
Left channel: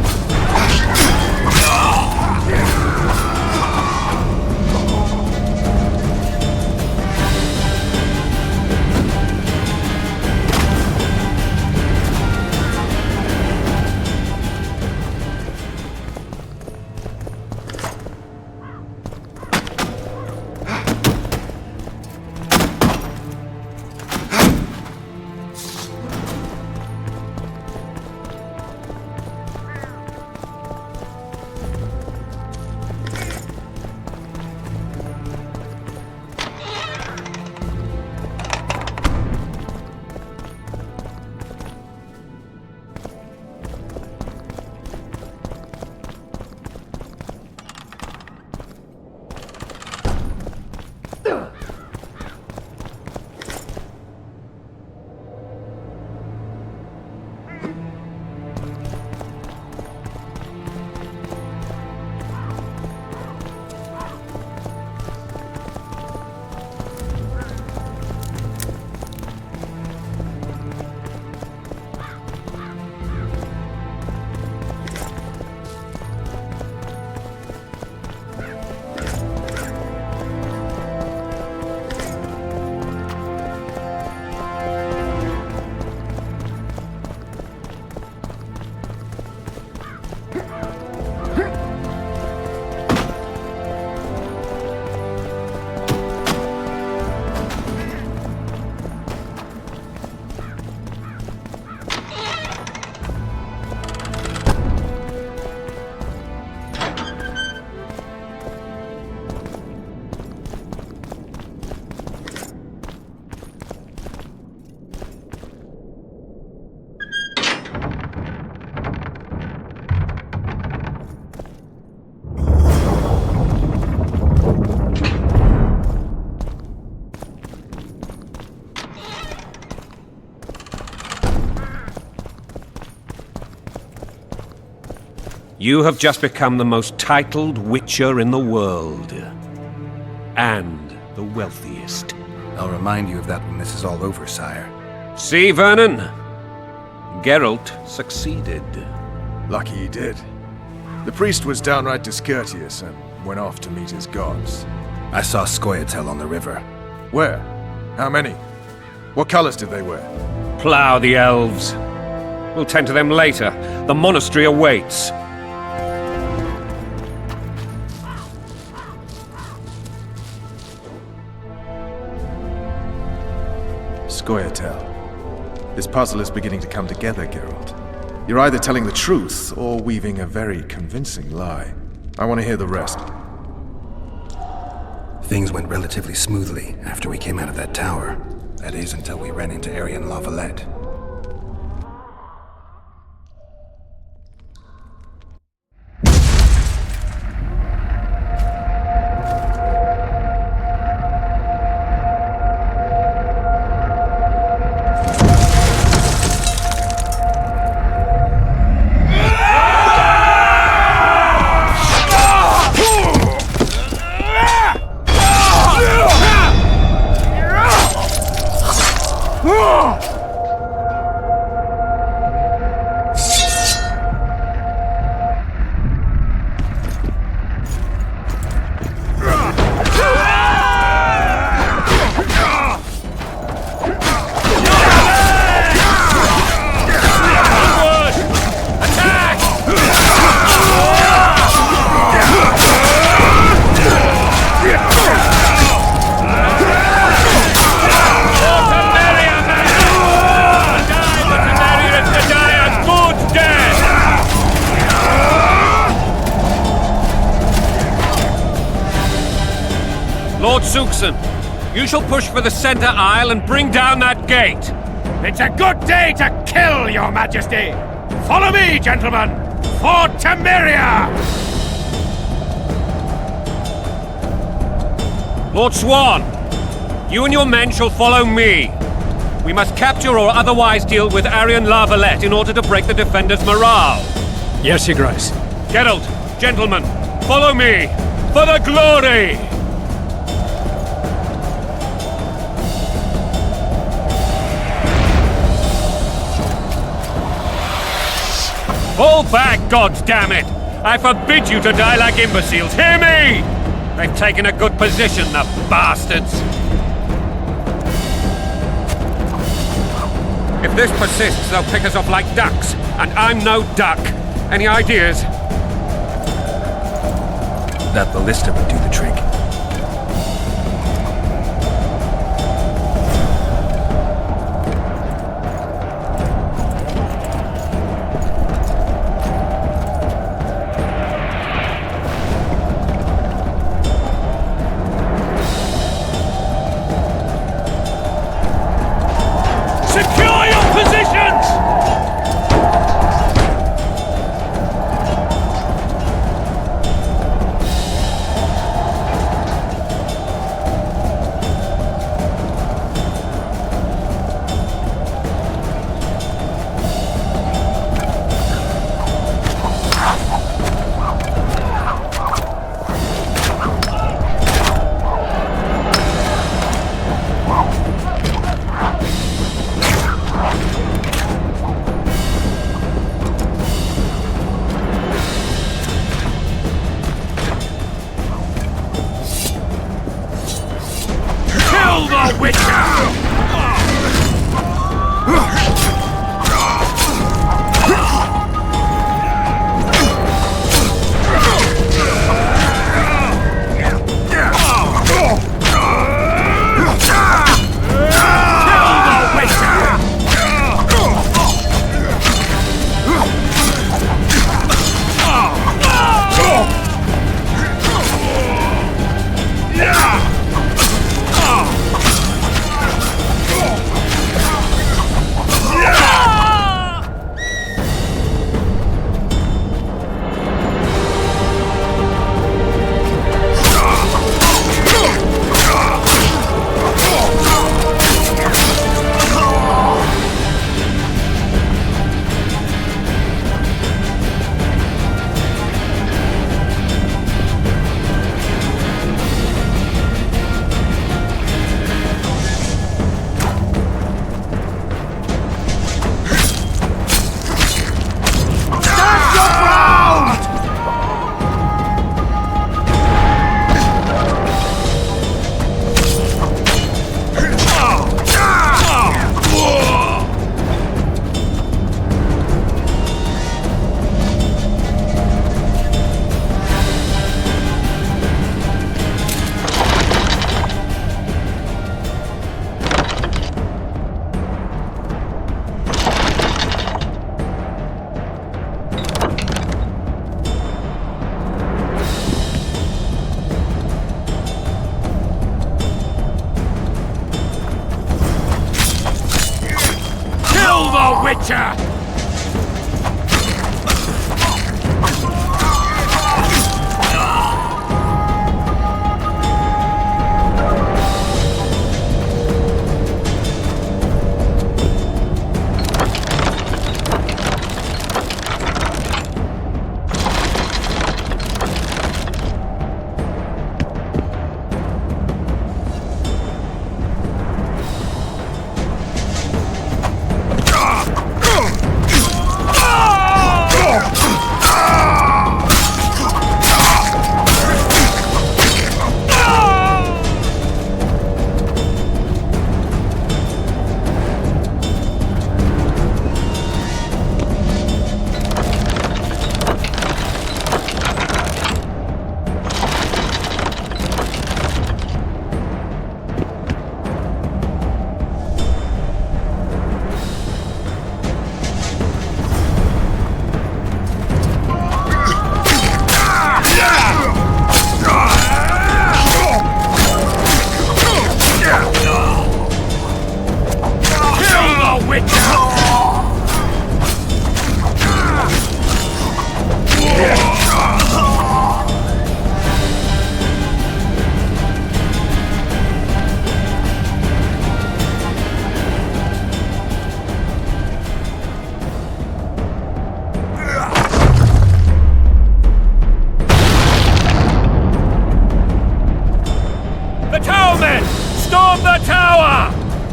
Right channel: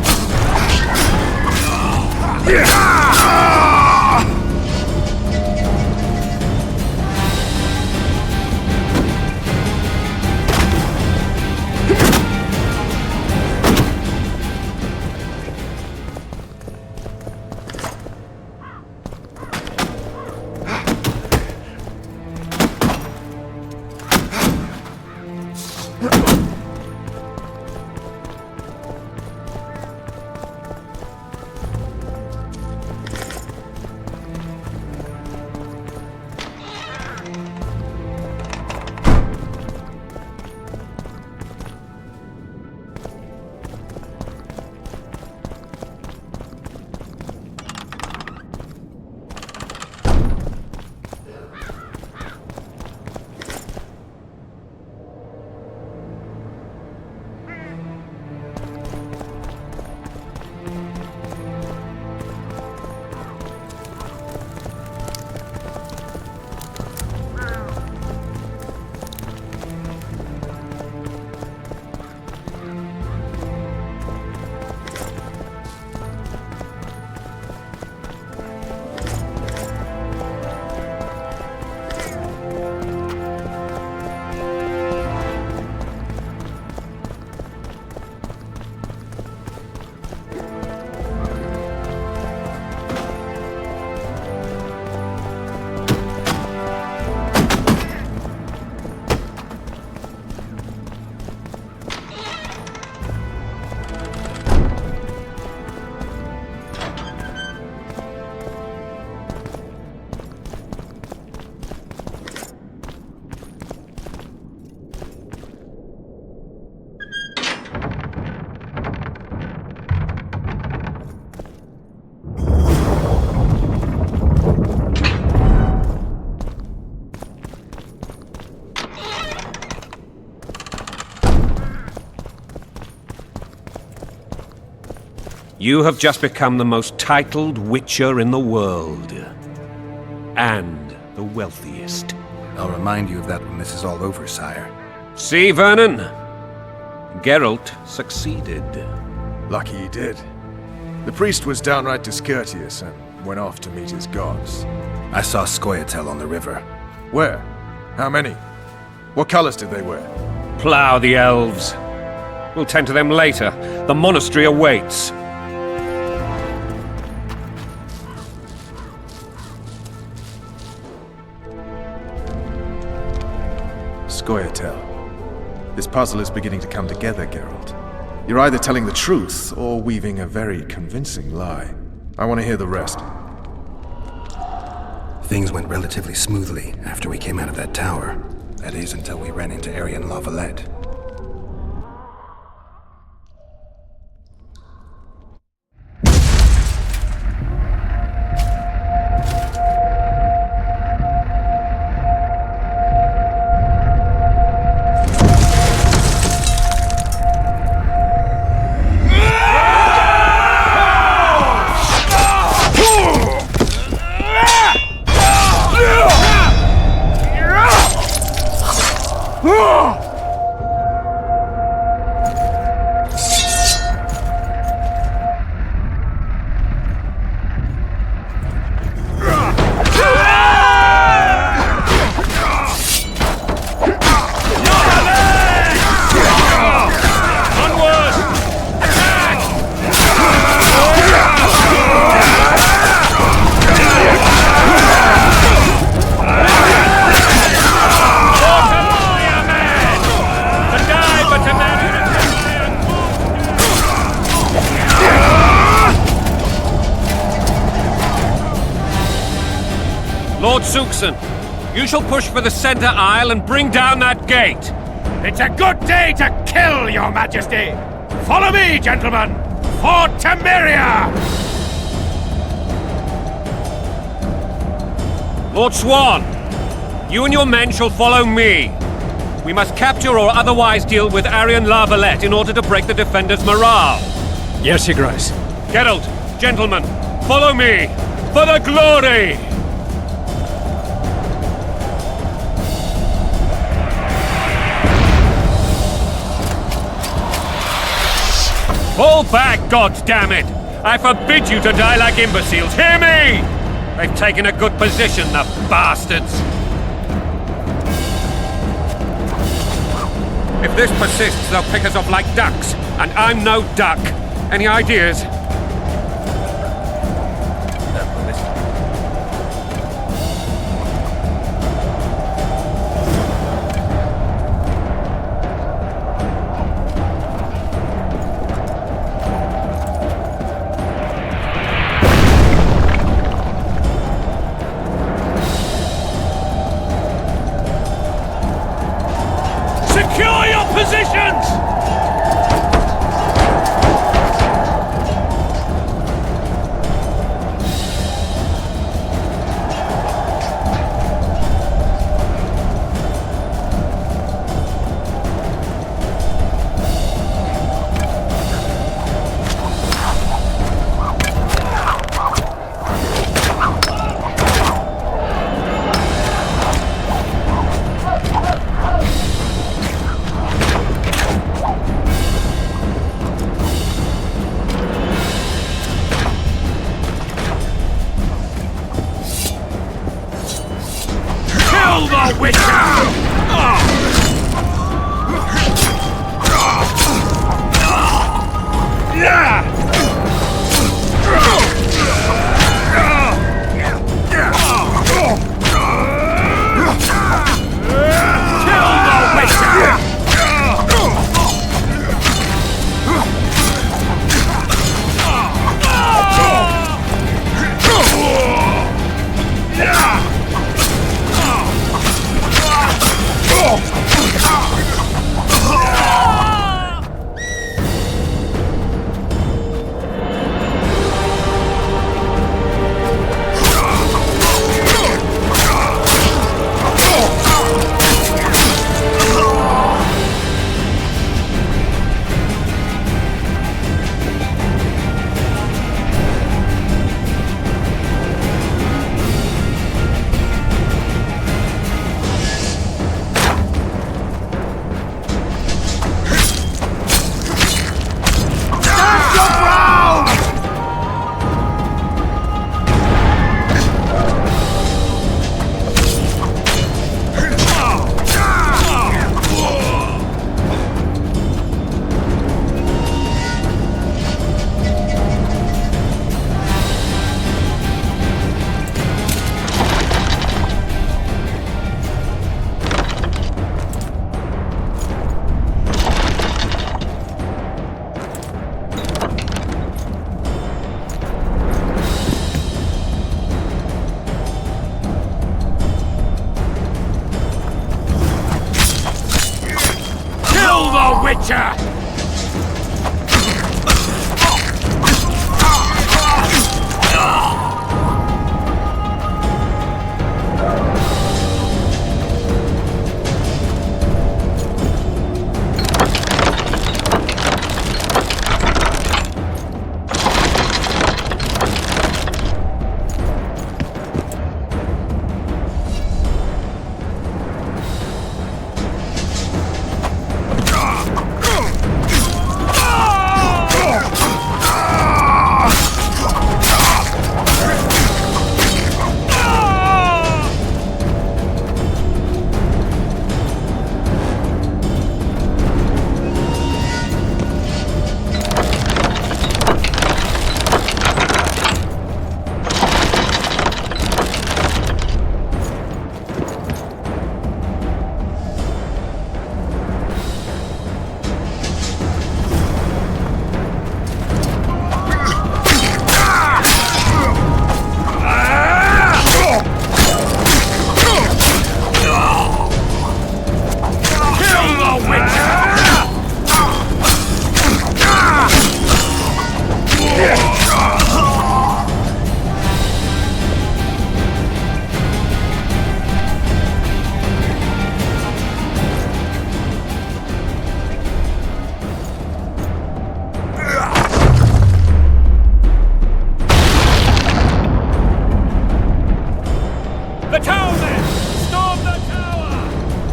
You have just become the most titled witcher in the world. And the wealthiest. I'll remind you of that when this is all over, sire. See, Vernon? Geralt succeeded. Lucky he did. The priest was downright discourteous and went off to meet his gods. I saw Scoia'tael on the river. Where? How many? What colors did they wear? Plough the elves. We'll tend to them later. The monastery awaits. Scoia'tael. This puzzle is beginning to come together, Geralt. You're either telling the truth or weaving a very convincing lie. I want to hear the rest. Things went relatively smoothly after we came out of that tower. That is, until we ran into Aryan La Valette. Lord Suxon, you shall push for the center aisle and bring down that gate. It's a good day to kill, Your Majesty! Follow me, gentlemen! For Temeria! Lord Swan, you and your men shall follow me. We must capture or otherwise deal with Arian Lavalette in order to break the defenders' morale. Yes, Your Grace. Geralt, gentlemen, follow me! For the glory! Fall back, goddammit! I forbid you to die like imbeciles, hear me! They've taken a good position, the bastards! If this persists, they'll pick us off like ducks, and I'm no duck. Any ideas? That ballista would do the trick. Secure your positions! Kill the Witcher! Witcher!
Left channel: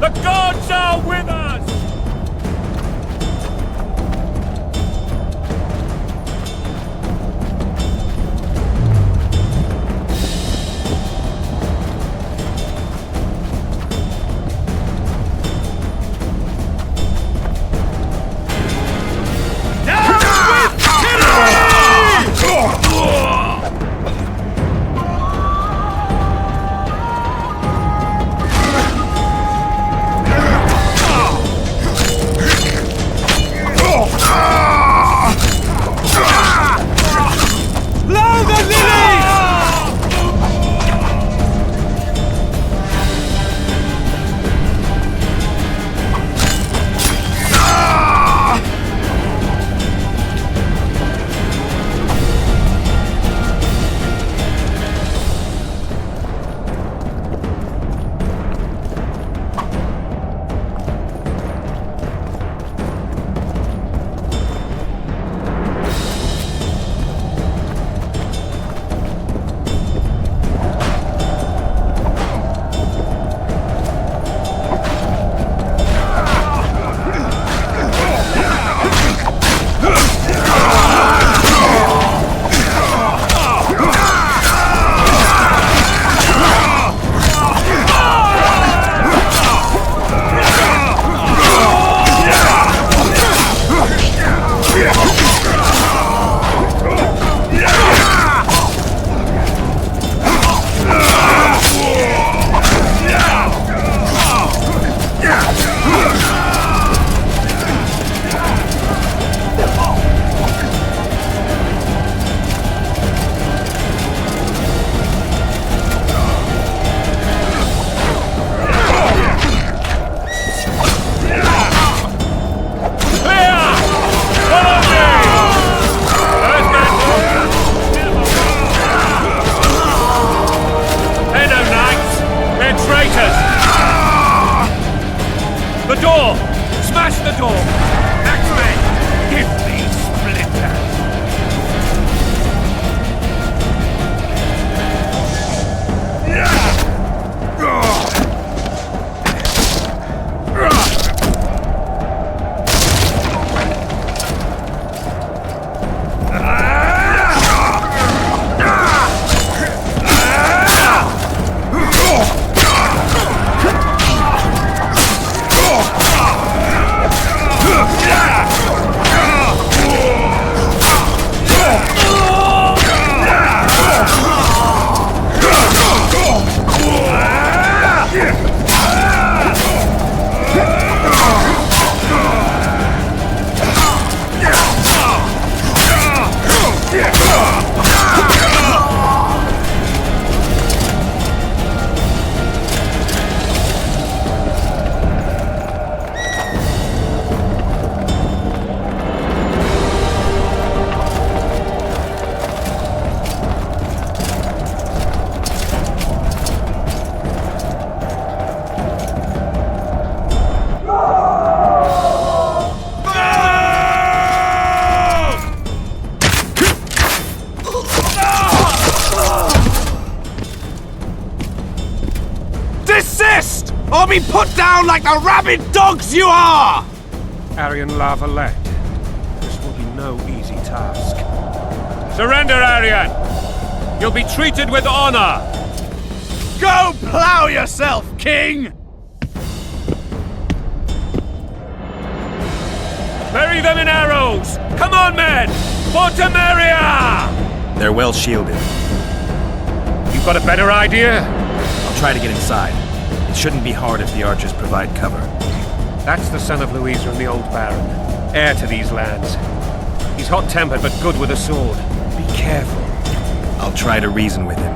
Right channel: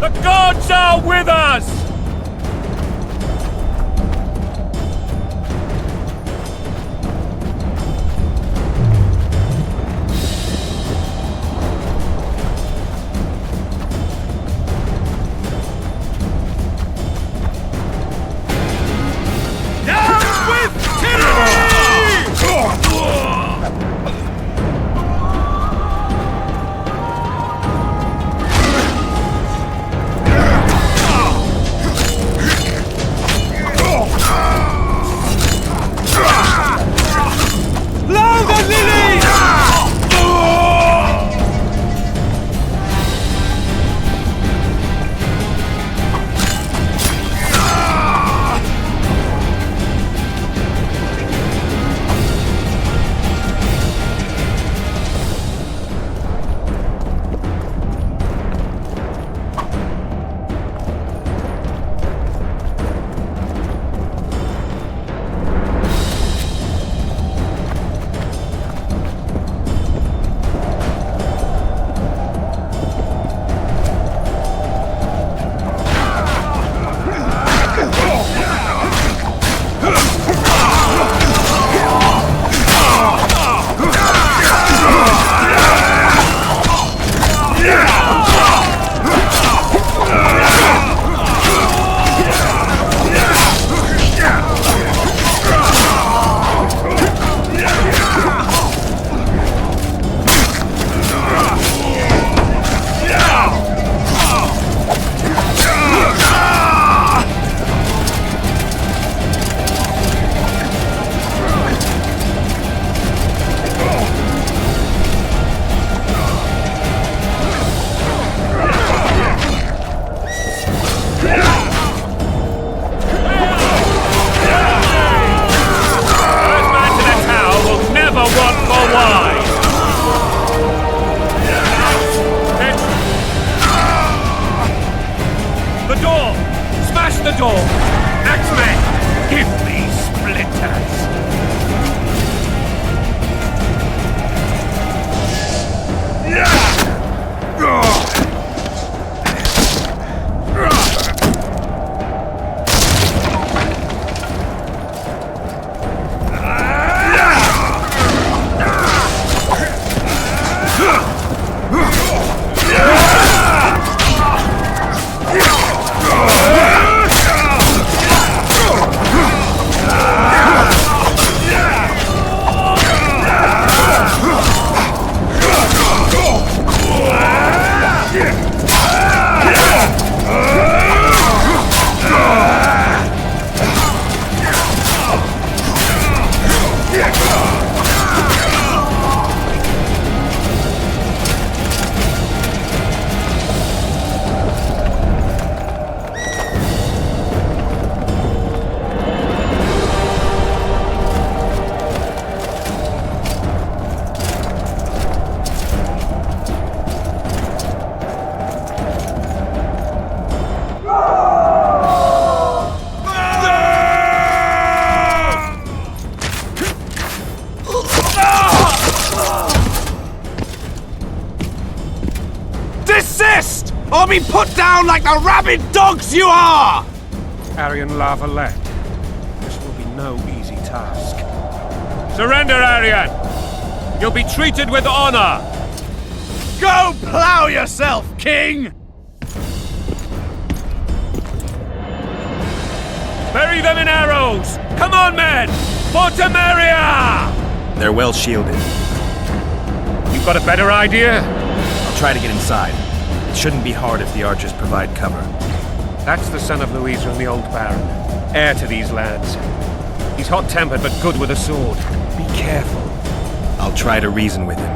The gods are with us! Or be put down like the rabid dogs you are! Aryan Lavalette, this will be no easy task. Surrender, Aryan! You'll be treated with honor! Go plough yourself, King! Bury them in arrows! Come on, men! For Temeria! They're well shielded. You got a better idea? I'll try to get inside. It shouldn't be hard if the archers provide cover. That's the son of Louisa and the old Baron, heir to these lands. He's hot-tempered but good with a sword. Be careful. I'll try to reason with him.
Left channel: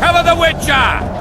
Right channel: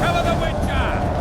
Cover the Witcher!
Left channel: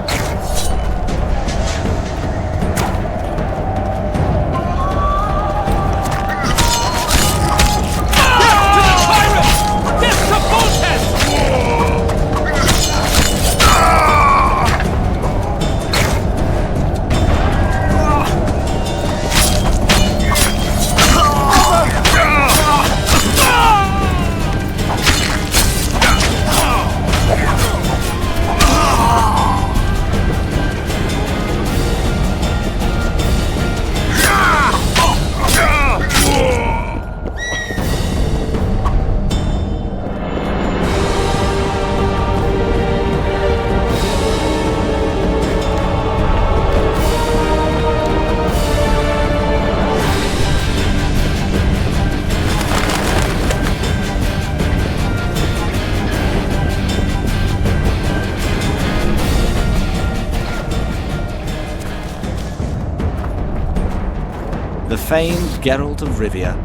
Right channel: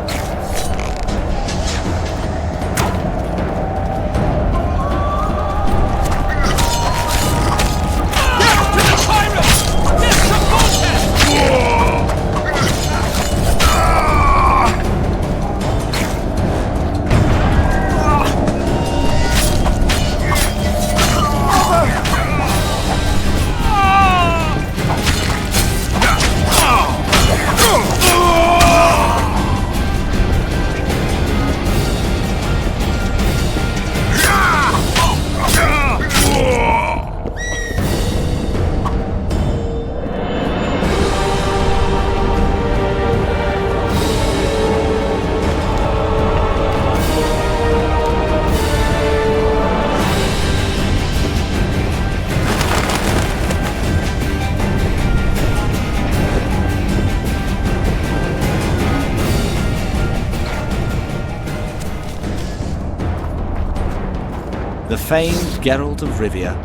The famed Geralt of Rivia.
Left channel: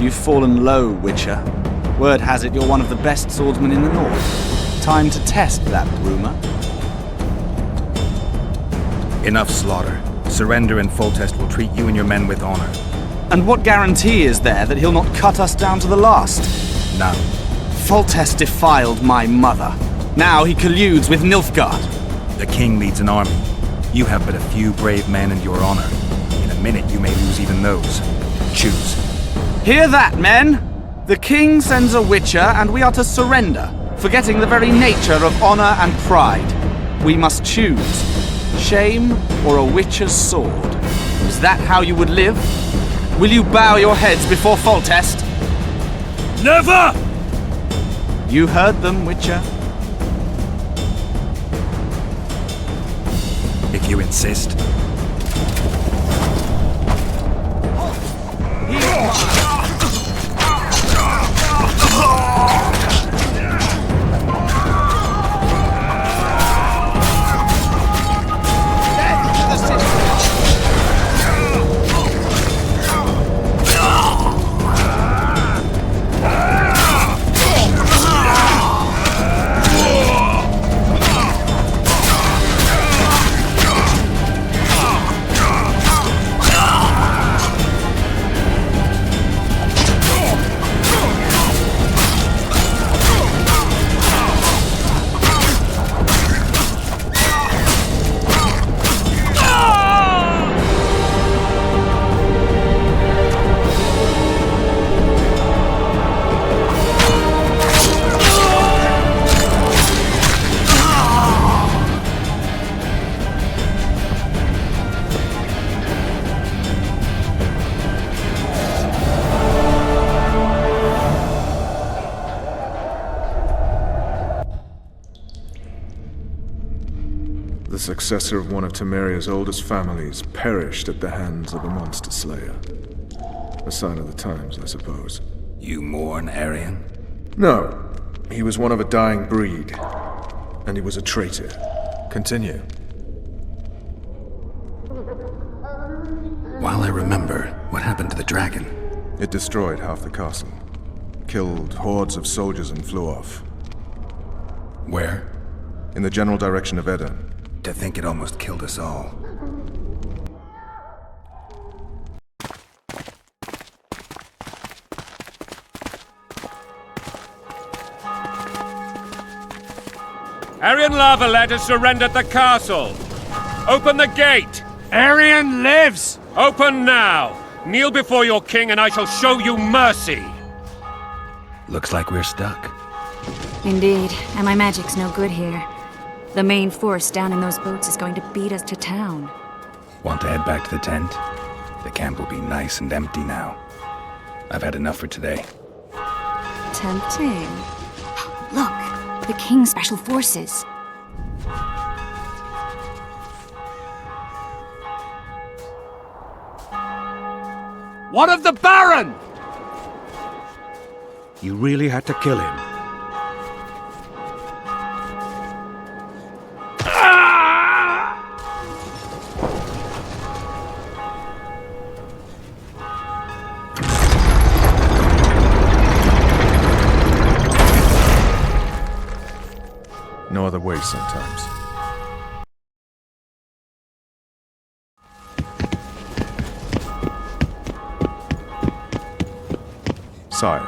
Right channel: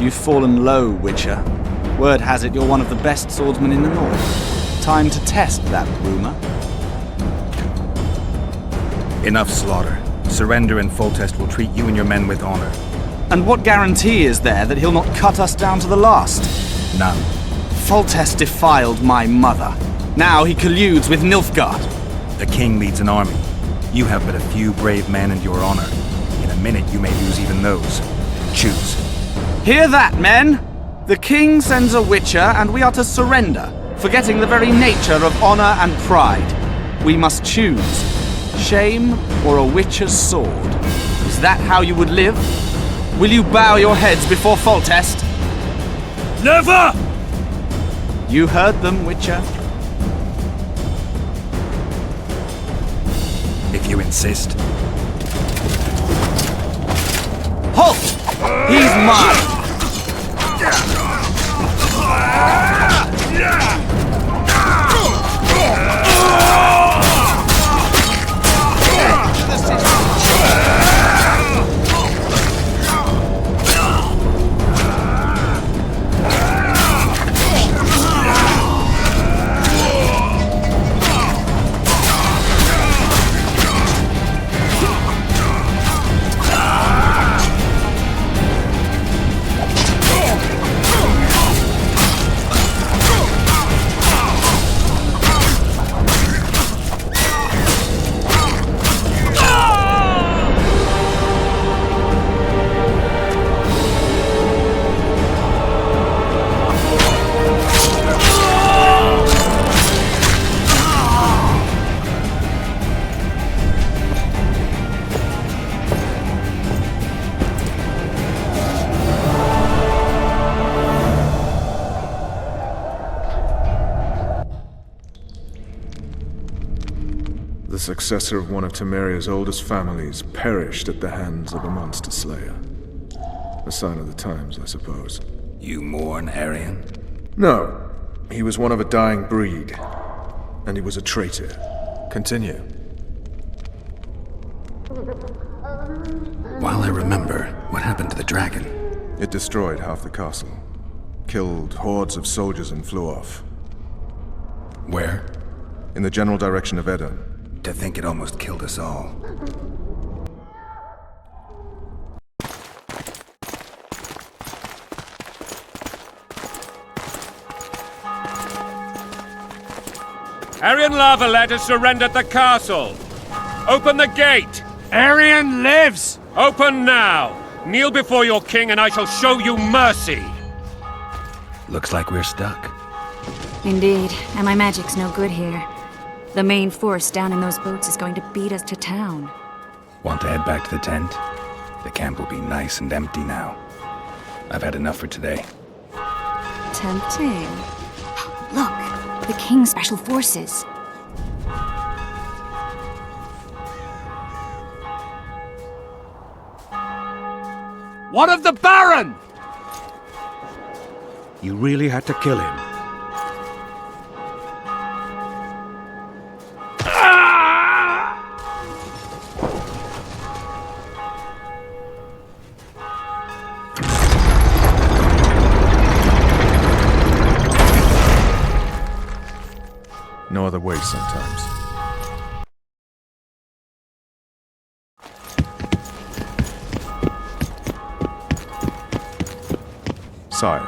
You've fallen low, Witcher. Word has it you're one of the best swordsmen in the north. Time to test that rumor. Enough slaughter. Surrender and Foltest will treat you and your men with honor. And what guarantee is there that he'll not cut us down to the last? None. Foltest defiled my mother. Now he colludes with Nilfgaard. The king leads an army. You have but a few brave men and your honor. In a minute you may lose even those. Choose. Hear that, men? The king sends a witcher and we are to surrender, forgetting the very nature of honor and pride. We must choose. Shame or a witcher's sword? Is that how you would live? Will you bow your heads before Foltest? Never! You heard them, Witcher. If you insist. Halt! He's mine! The successor of one of Temeria's oldest families perished at the hands of a monster slayer. A sign of the times, I suppose. You mourn, Arian? No. He was one of a dying breed. And he was a traitor. Continue. While I remember, what happened to the dragon? It destroyed half the castle. Killed hordes of soldiers and flew off. Where? In the general direction of Edon. To think it almost killed us all. Arian Lavalette has surrendered the castle. Open the gate. Arian lives! Open now. Kneel before your king and I shall show you mercy. Looks like we're stuck. Indeed, and my magic's no good here. The main force down in those boats is going to beat us to town. Want to head back to the tent? The camp will be nice and empty now. I've had enough for today. Tempting. Look, the King's Special Forces. What of the Baron? You really had to kill him. No other way sometimes. Sire.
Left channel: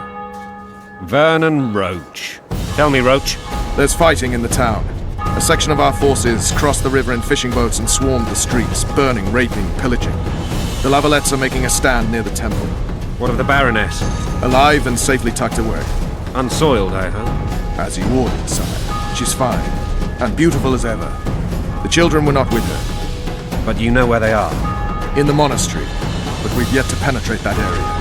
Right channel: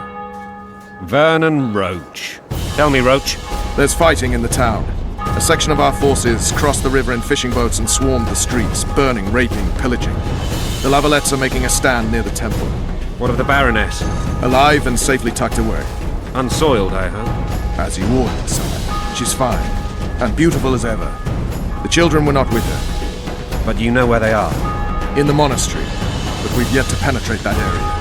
Vernon Roach. Tell me, Roach. There's fighting in the town. A section of our forces crossed the river in fishing boats and swarmed the streets, burning, raping, pillaging. The Lavalettes are making a stand near the temple. What of the Baroness? Alive and safely tucked away. Unsoiled, I hope. As you ordered, sire. She's fine, and beautiful as ever. The children were not with her. But you know where they are? In the monastery, but we've yet to penetrate that area.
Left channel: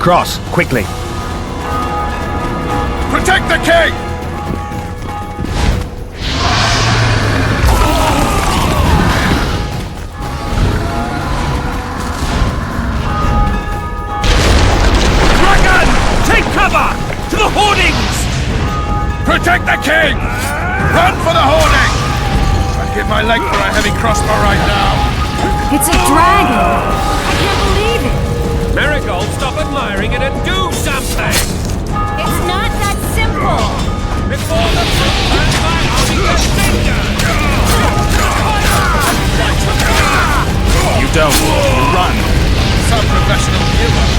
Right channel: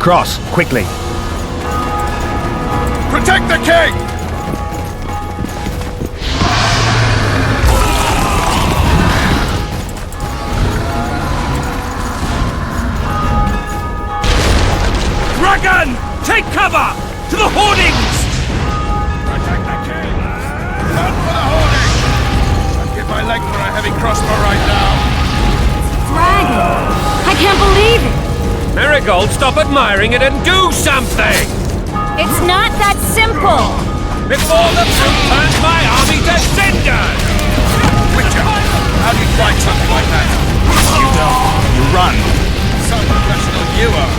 Cross, quickly! Protect the king! Dragon! Take cover! To the hoardings! Protect the king! Run for the hoarding! And give my leg for a heavy crossbow right now. It's a dragon! I can't believe it! Marigold, stop admiring it and do something! It's not that simple! Before the fruit turns my army to cinders! How do you fight something like that? You don't. You run. Some professional you are.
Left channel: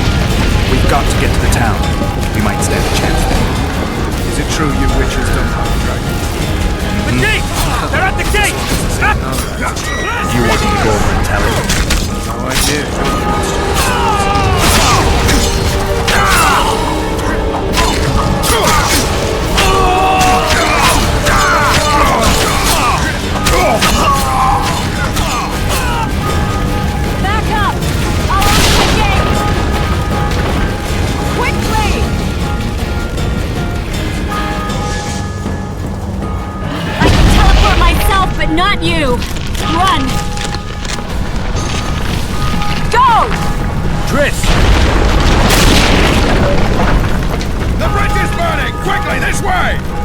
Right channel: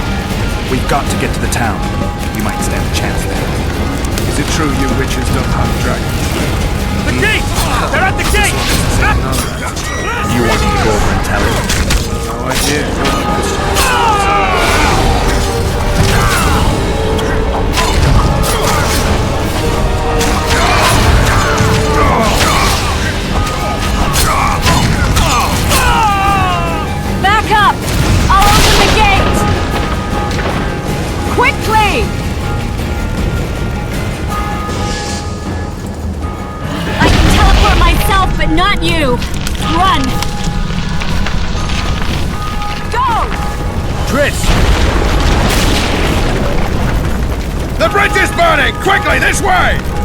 We've got to get to the town. We might stand a chance there. Is it true you witches don't hunt dragons? The gate! They're at the gate! You want me to go over and tell him? No idea. You're the question. Back up! I'll open the gate! Quickly! I can teleport myself, but not you! Run! Go! Triss! The bridge is burning! Quickly, this way!